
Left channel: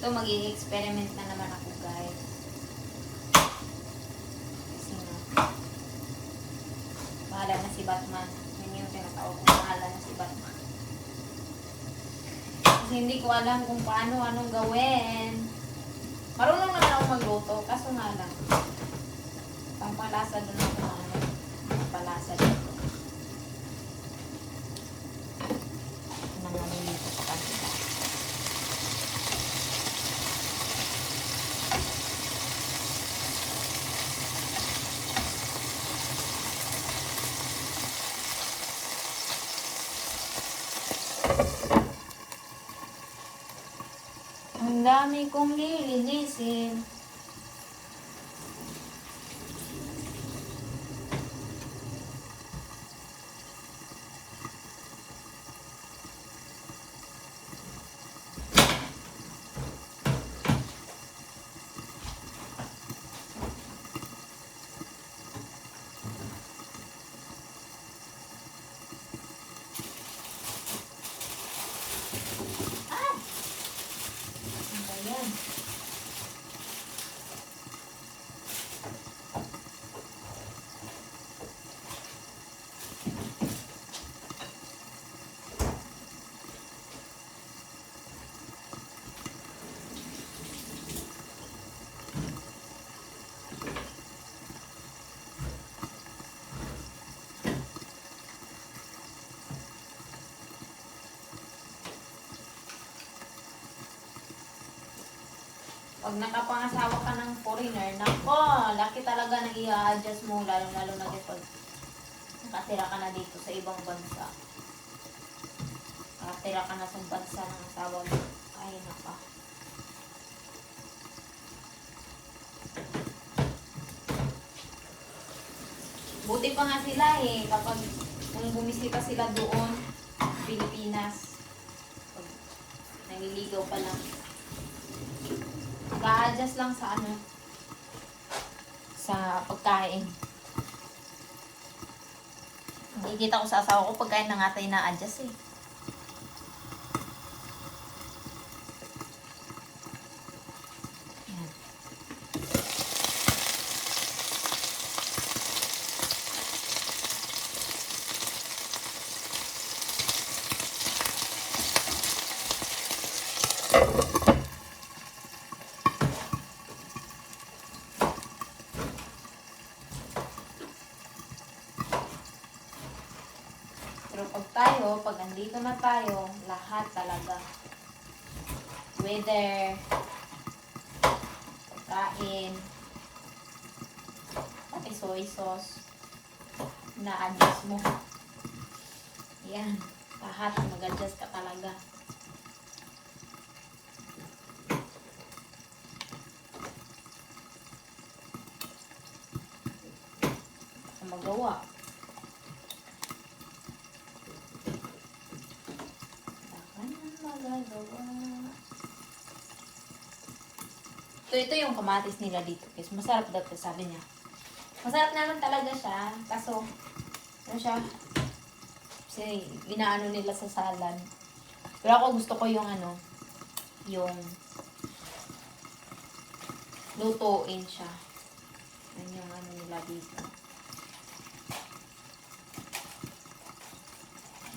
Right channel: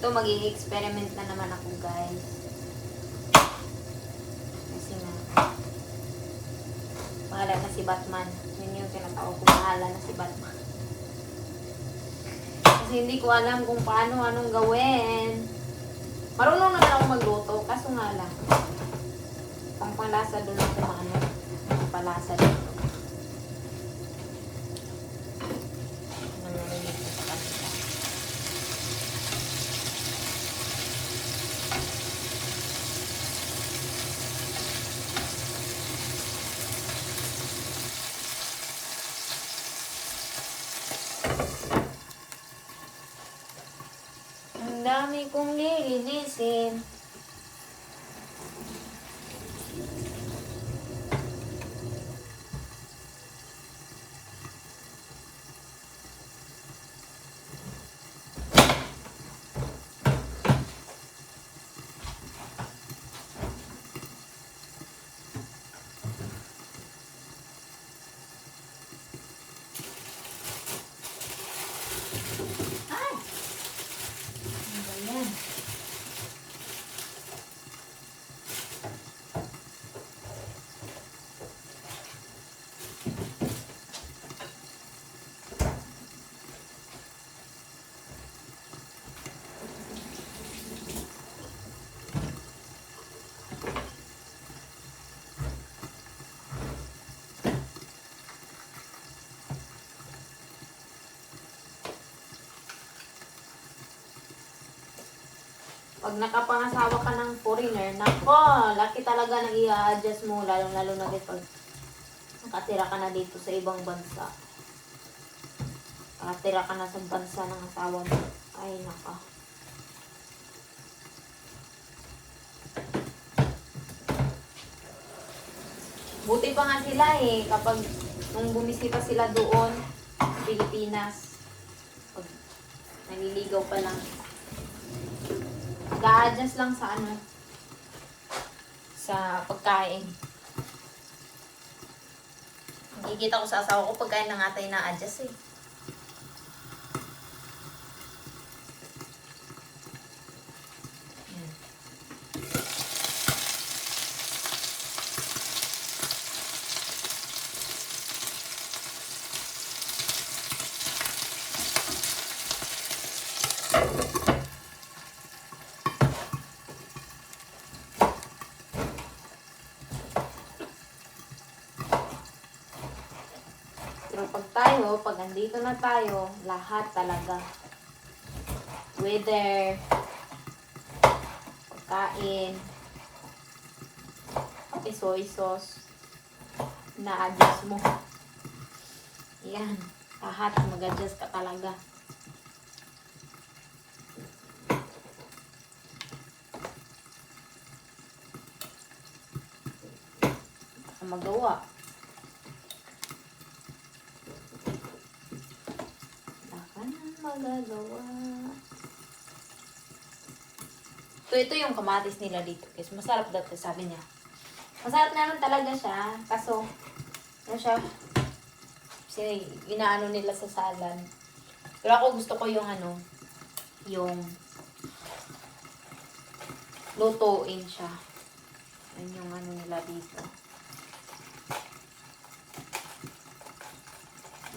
Ito, mag-i-experiment na naman ako, guys. Kasi nga, bahala na si Batman. Yun yung tinatawag ko, bahala na si Batman. Kasi hindi ko alam kung paano, anong gawin. Marunong naman ako magluto, kaso nga lang. Pangpalasa doon ako maano. Pangpalasa dito. Nangyari dito sa kanila. Ang dami kong lilinisin. Pag nakapangasawa ka ng foreigner, nako, laki talaga nang i-adjust mo, lalo na din pag nakatira ka na dito sa ibang bansa. Nakatira ka na sa bansa ng asawa mo. Ay, naka. Buti pa nga sila eh, kapag nung bumisita sila doon, Pilipinas, pag naliligaw pa lang, nag-a-adjust lang sa ano, sa pagkain. Nakikita ko sa asawa ko, pagkain na nga tayo na-adjust eh. Yan. Pero pag andito na tayo, lahat talaga. Weather, pagkain, pati soy sauce, na-adjust mo. Yan, lahat mag-adjust ka talaga. Baka magawa. Magagawa. So, ito yung kamatis nila dito, guys. Masarap dati, sabi niya. Masarap naman talaga siya. Kaso, ano siya? Kasi, inaano nila sa salad. Pero ako gusto ko yung ano, yung lutuin siya. Yan yung ano nila dito.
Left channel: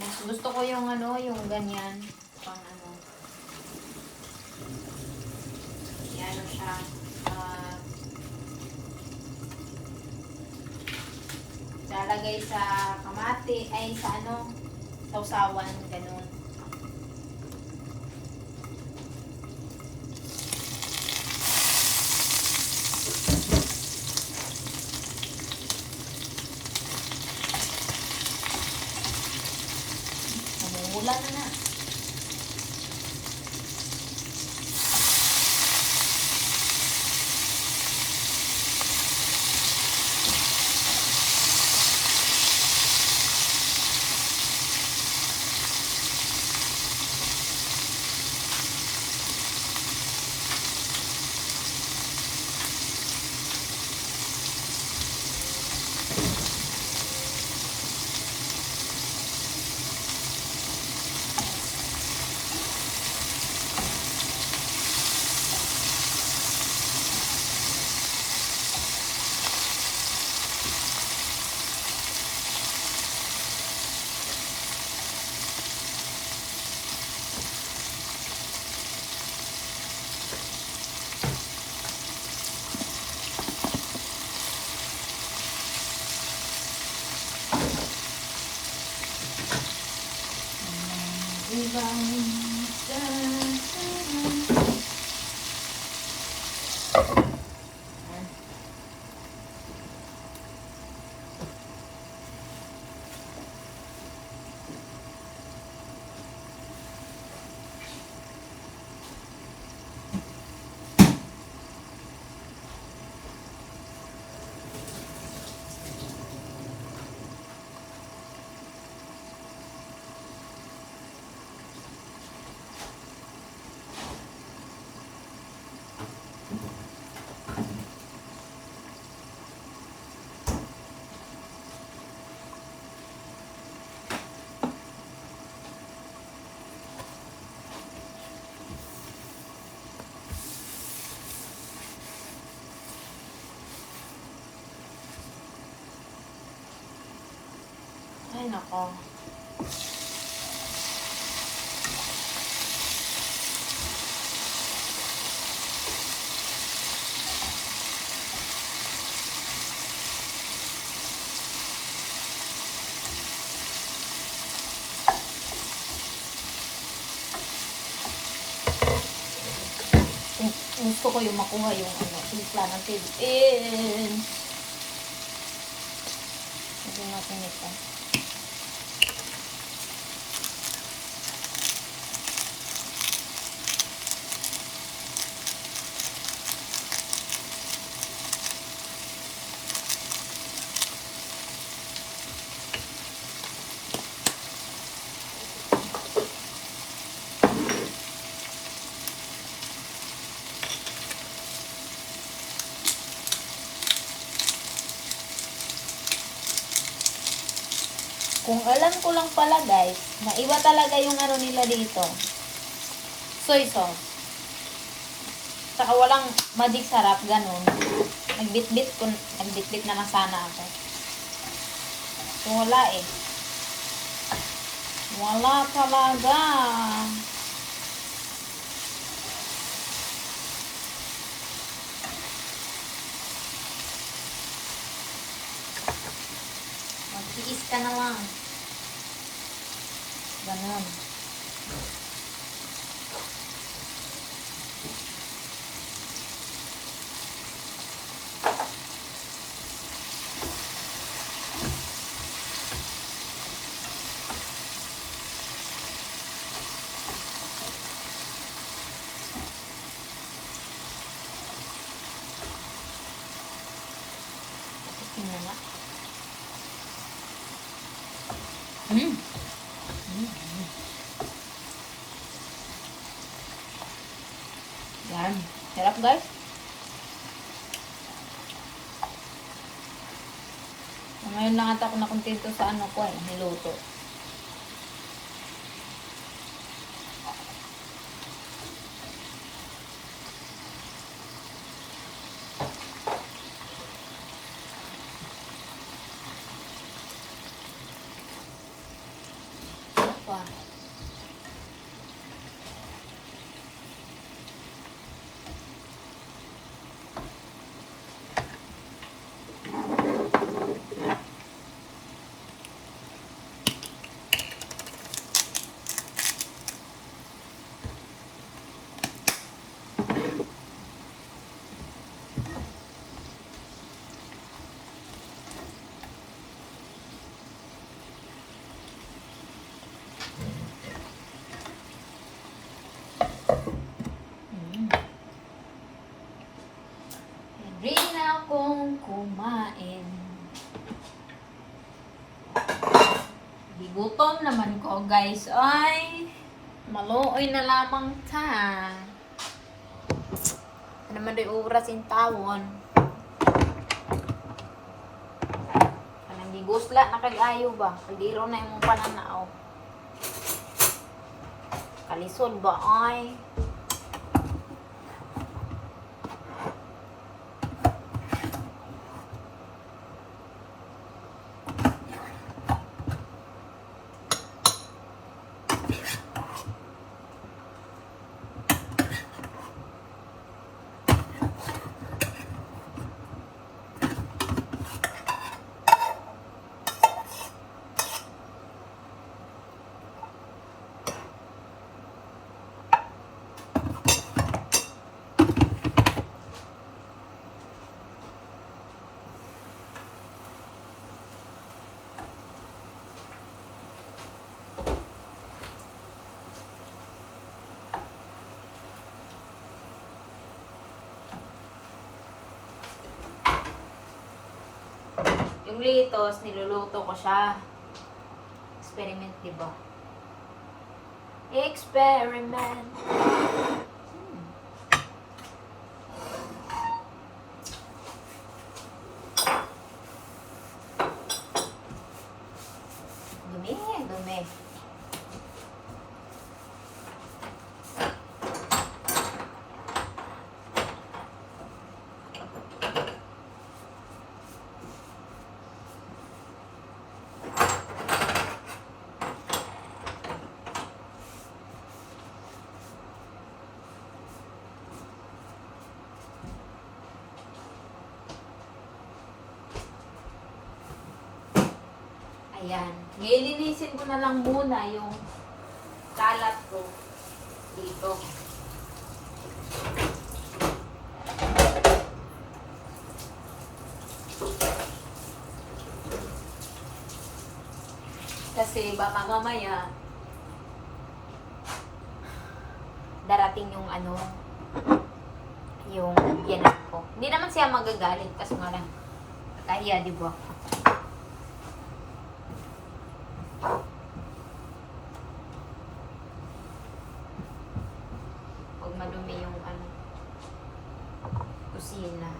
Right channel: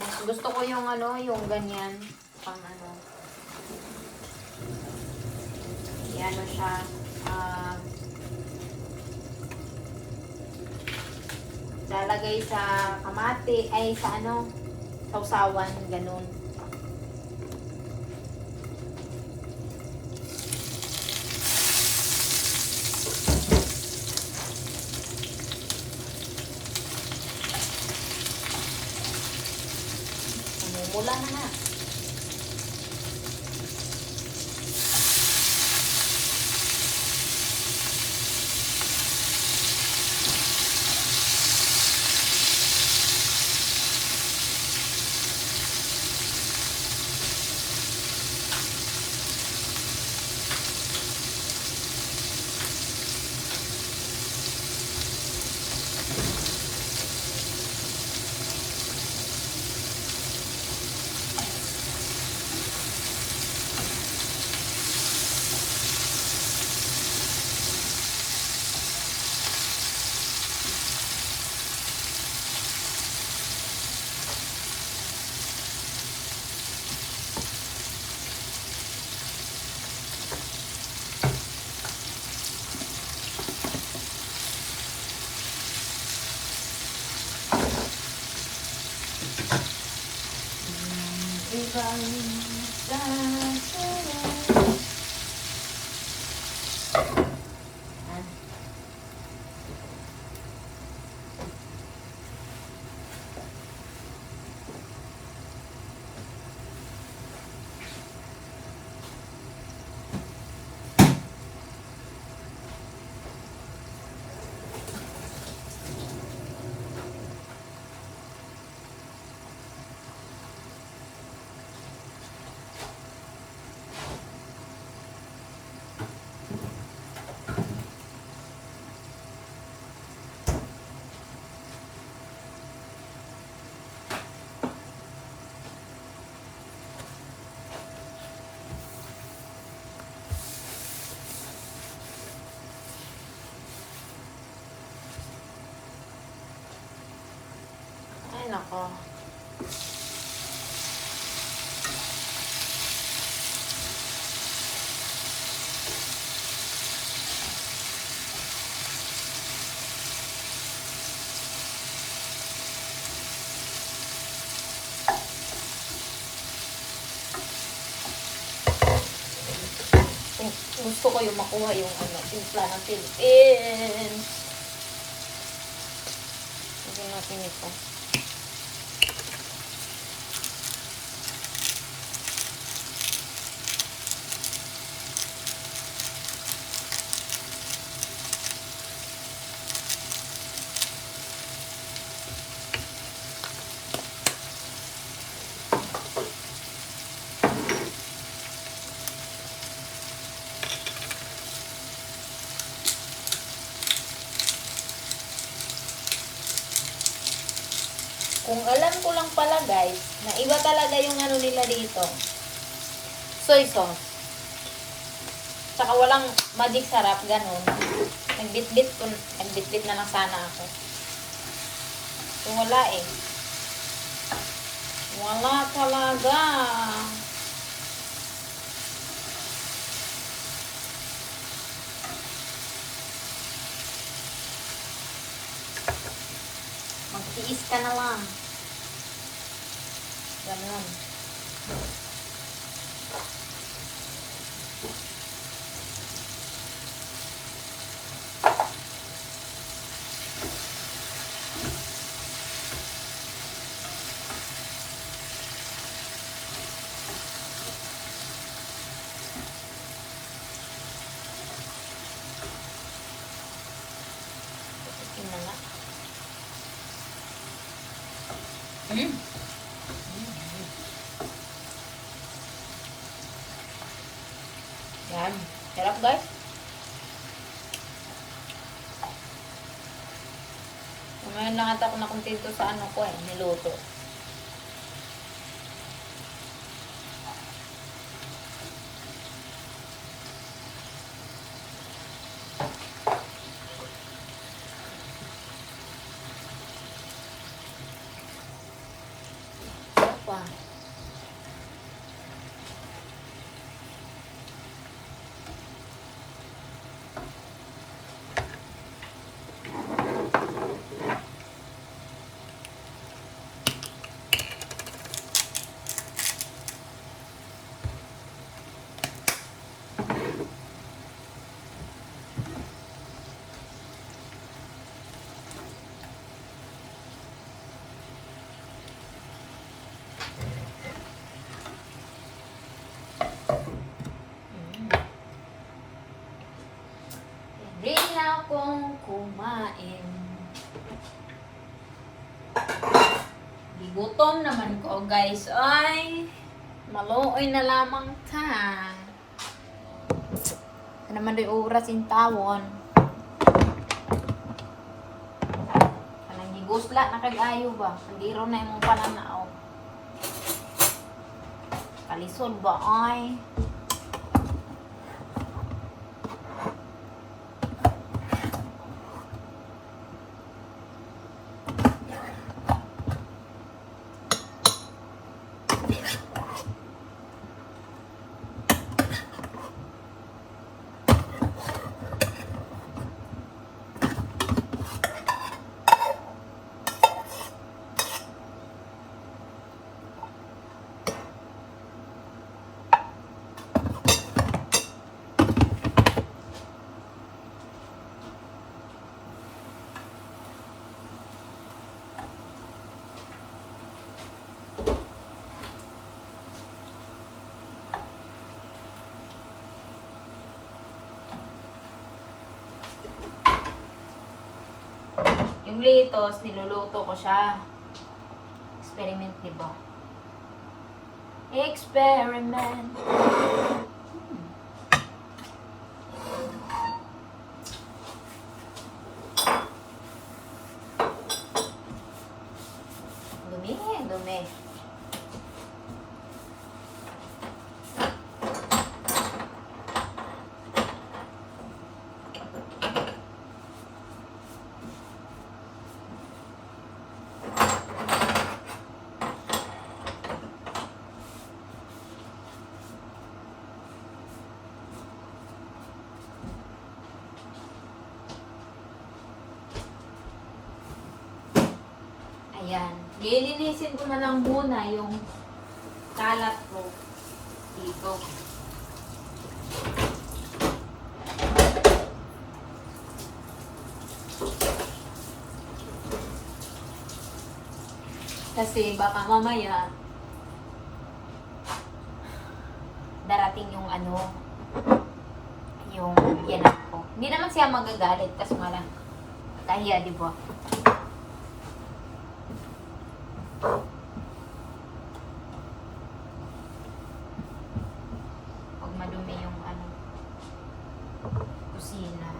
Mas gusto ko yung ano, yung ganyan. Pang ano. Ano siya. Lalagay sa kamati, ay sa ano, sausawan, ganun. Namumula na nga. Ay, nako. gusto ko yung makuha yung ano, timpla ng Philippines. Lagyan natin ito. Kung alam ko lang pala guys, na iba talaga yung ano nila dito. Soy sauce. Tsaka walang magic sarap, ganun. Nagbitbit na lang sana ako. So wala eh. Wala talaga. Magtiis ka na lang. Ganun. Pupukin na nga. Yan. Sarap guys. So, ngayon lang ata ako nakontento sa ano ko eh, niluto. Sarap pa. Ready na akong kumain. Gigutom naman ko guys. Ay, maluoy na lamang ta. Ano naman rin oras in tawon. Kanang gigusla na kag-ayo ba? Kaldiro na yung pananaw. Kalisod ba ay? Yung litos, niluluto ko siya. Experiment, diba? Experiment. Dumi, dumi. Ayan. Nilinisin ko na lang muna yung kalat ko dito. Kasi baka mamaya darating yung yung yanak ko. Hindi naman siya magagalit kasi wala. Kahiya, di ba? Huwag madumi yung kusina.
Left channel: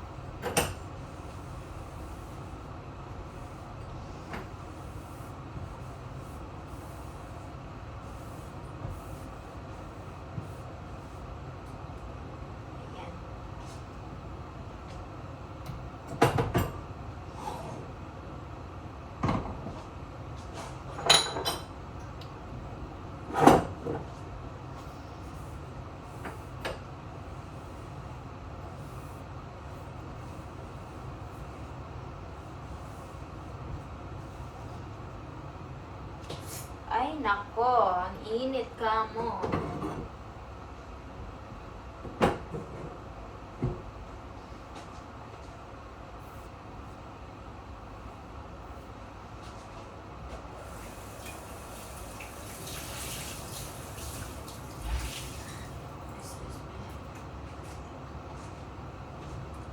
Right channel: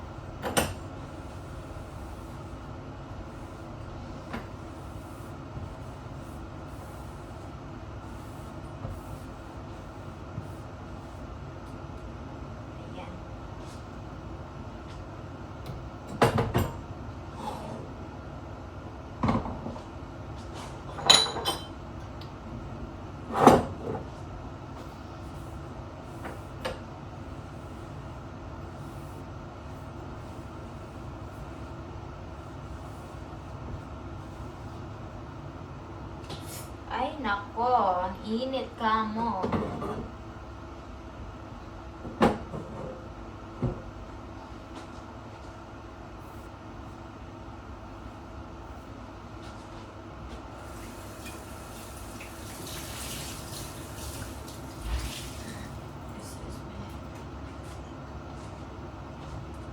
Ay, nako. Ang init ka mo.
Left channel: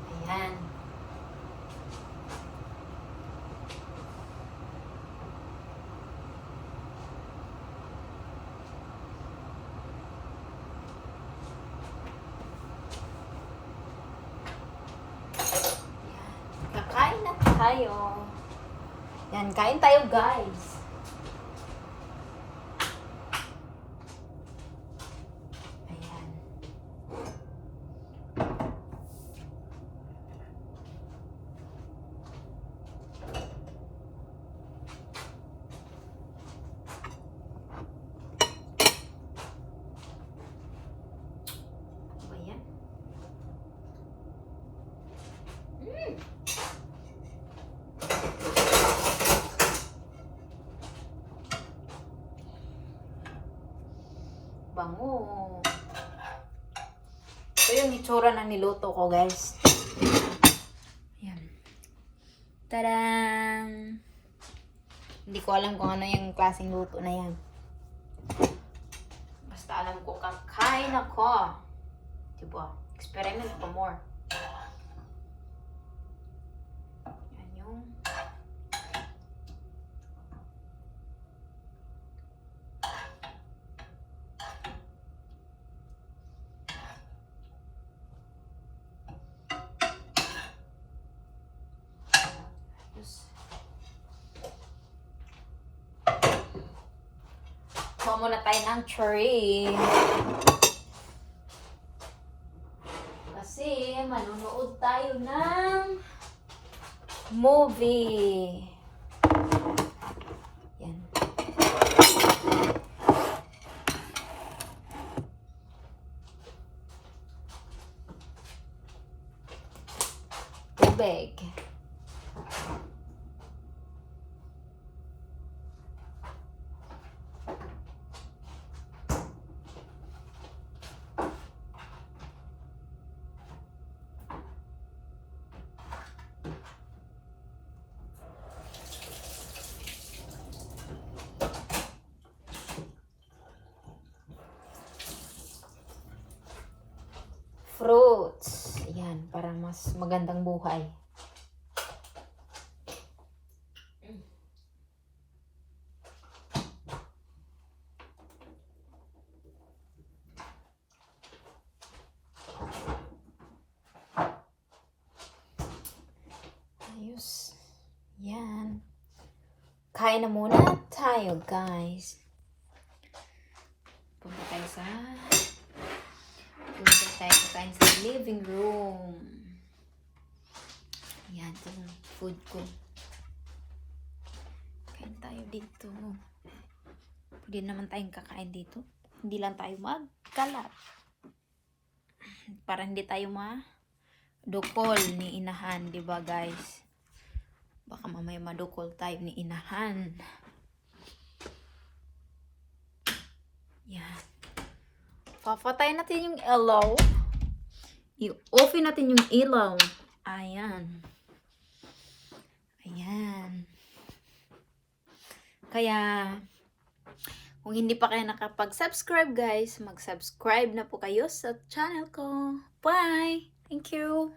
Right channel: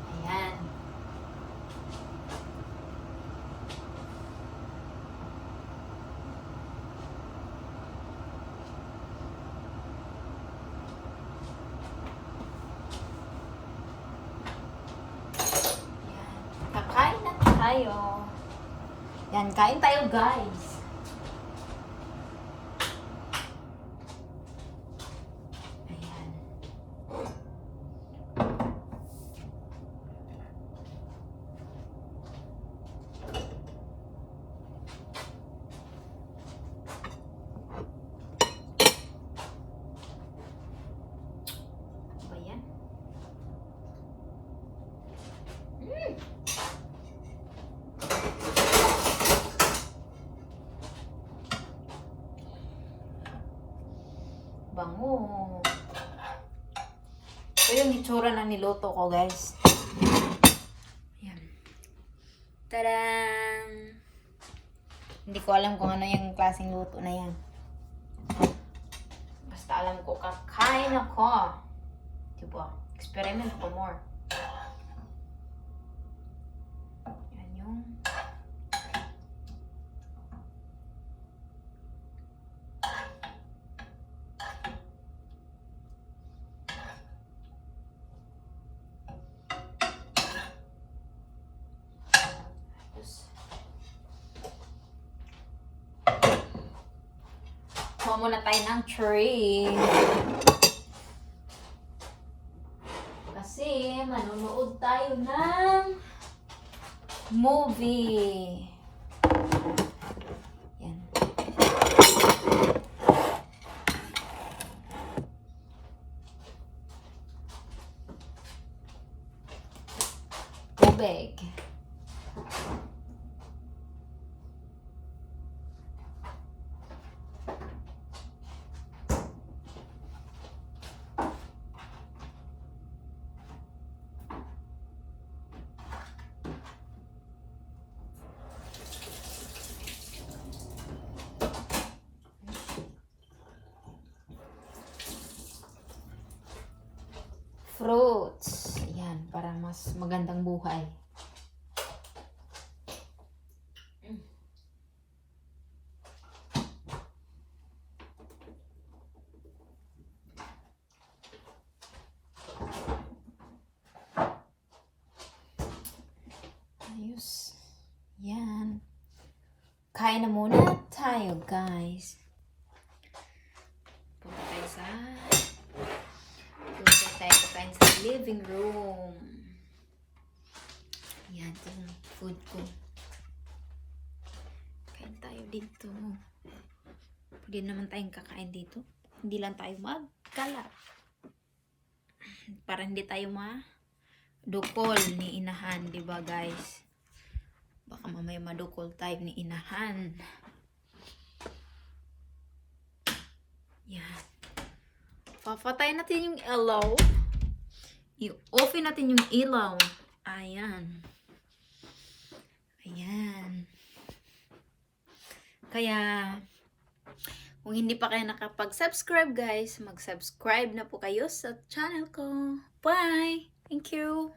Ayan. Kakain na tayo. Yan, kain tayo guys. Ayan. Ano ba yan? Bango. Ito yung itsura ng niluto ko, guys. Ayan. Tadang! Hindi ko alam kung ano yung klaseng luto na yan. Basta alam ko, kakain ako. Diba? Experiment for more. Yan yung... muna tayo ng cherry. Kasi manonood tayo ng movie. Yan. Tubig. Fruits. Ayan, para mas magandang buhay. Ayos. Yan. Kain na muna tayo, guys. Punta tayo sa kakain sa living room. Ayan, ito yung food ko. Kain tayo dito. Pwede naman tayong kakain dito. Hindi lang tayo magkalat. Para hindi tayo madukol ni inahan, di ba guys? Baka mamaya madukol tayo ni inahan. Yan. Papatay natin yung ilaw. I-off natin yung ilaw. Ayan. Ayan. Kaya, kung hindi pa kayo nakapag-subscribe guys, mag-subscribe na po kayo sa channel ko. Bye! Thank you!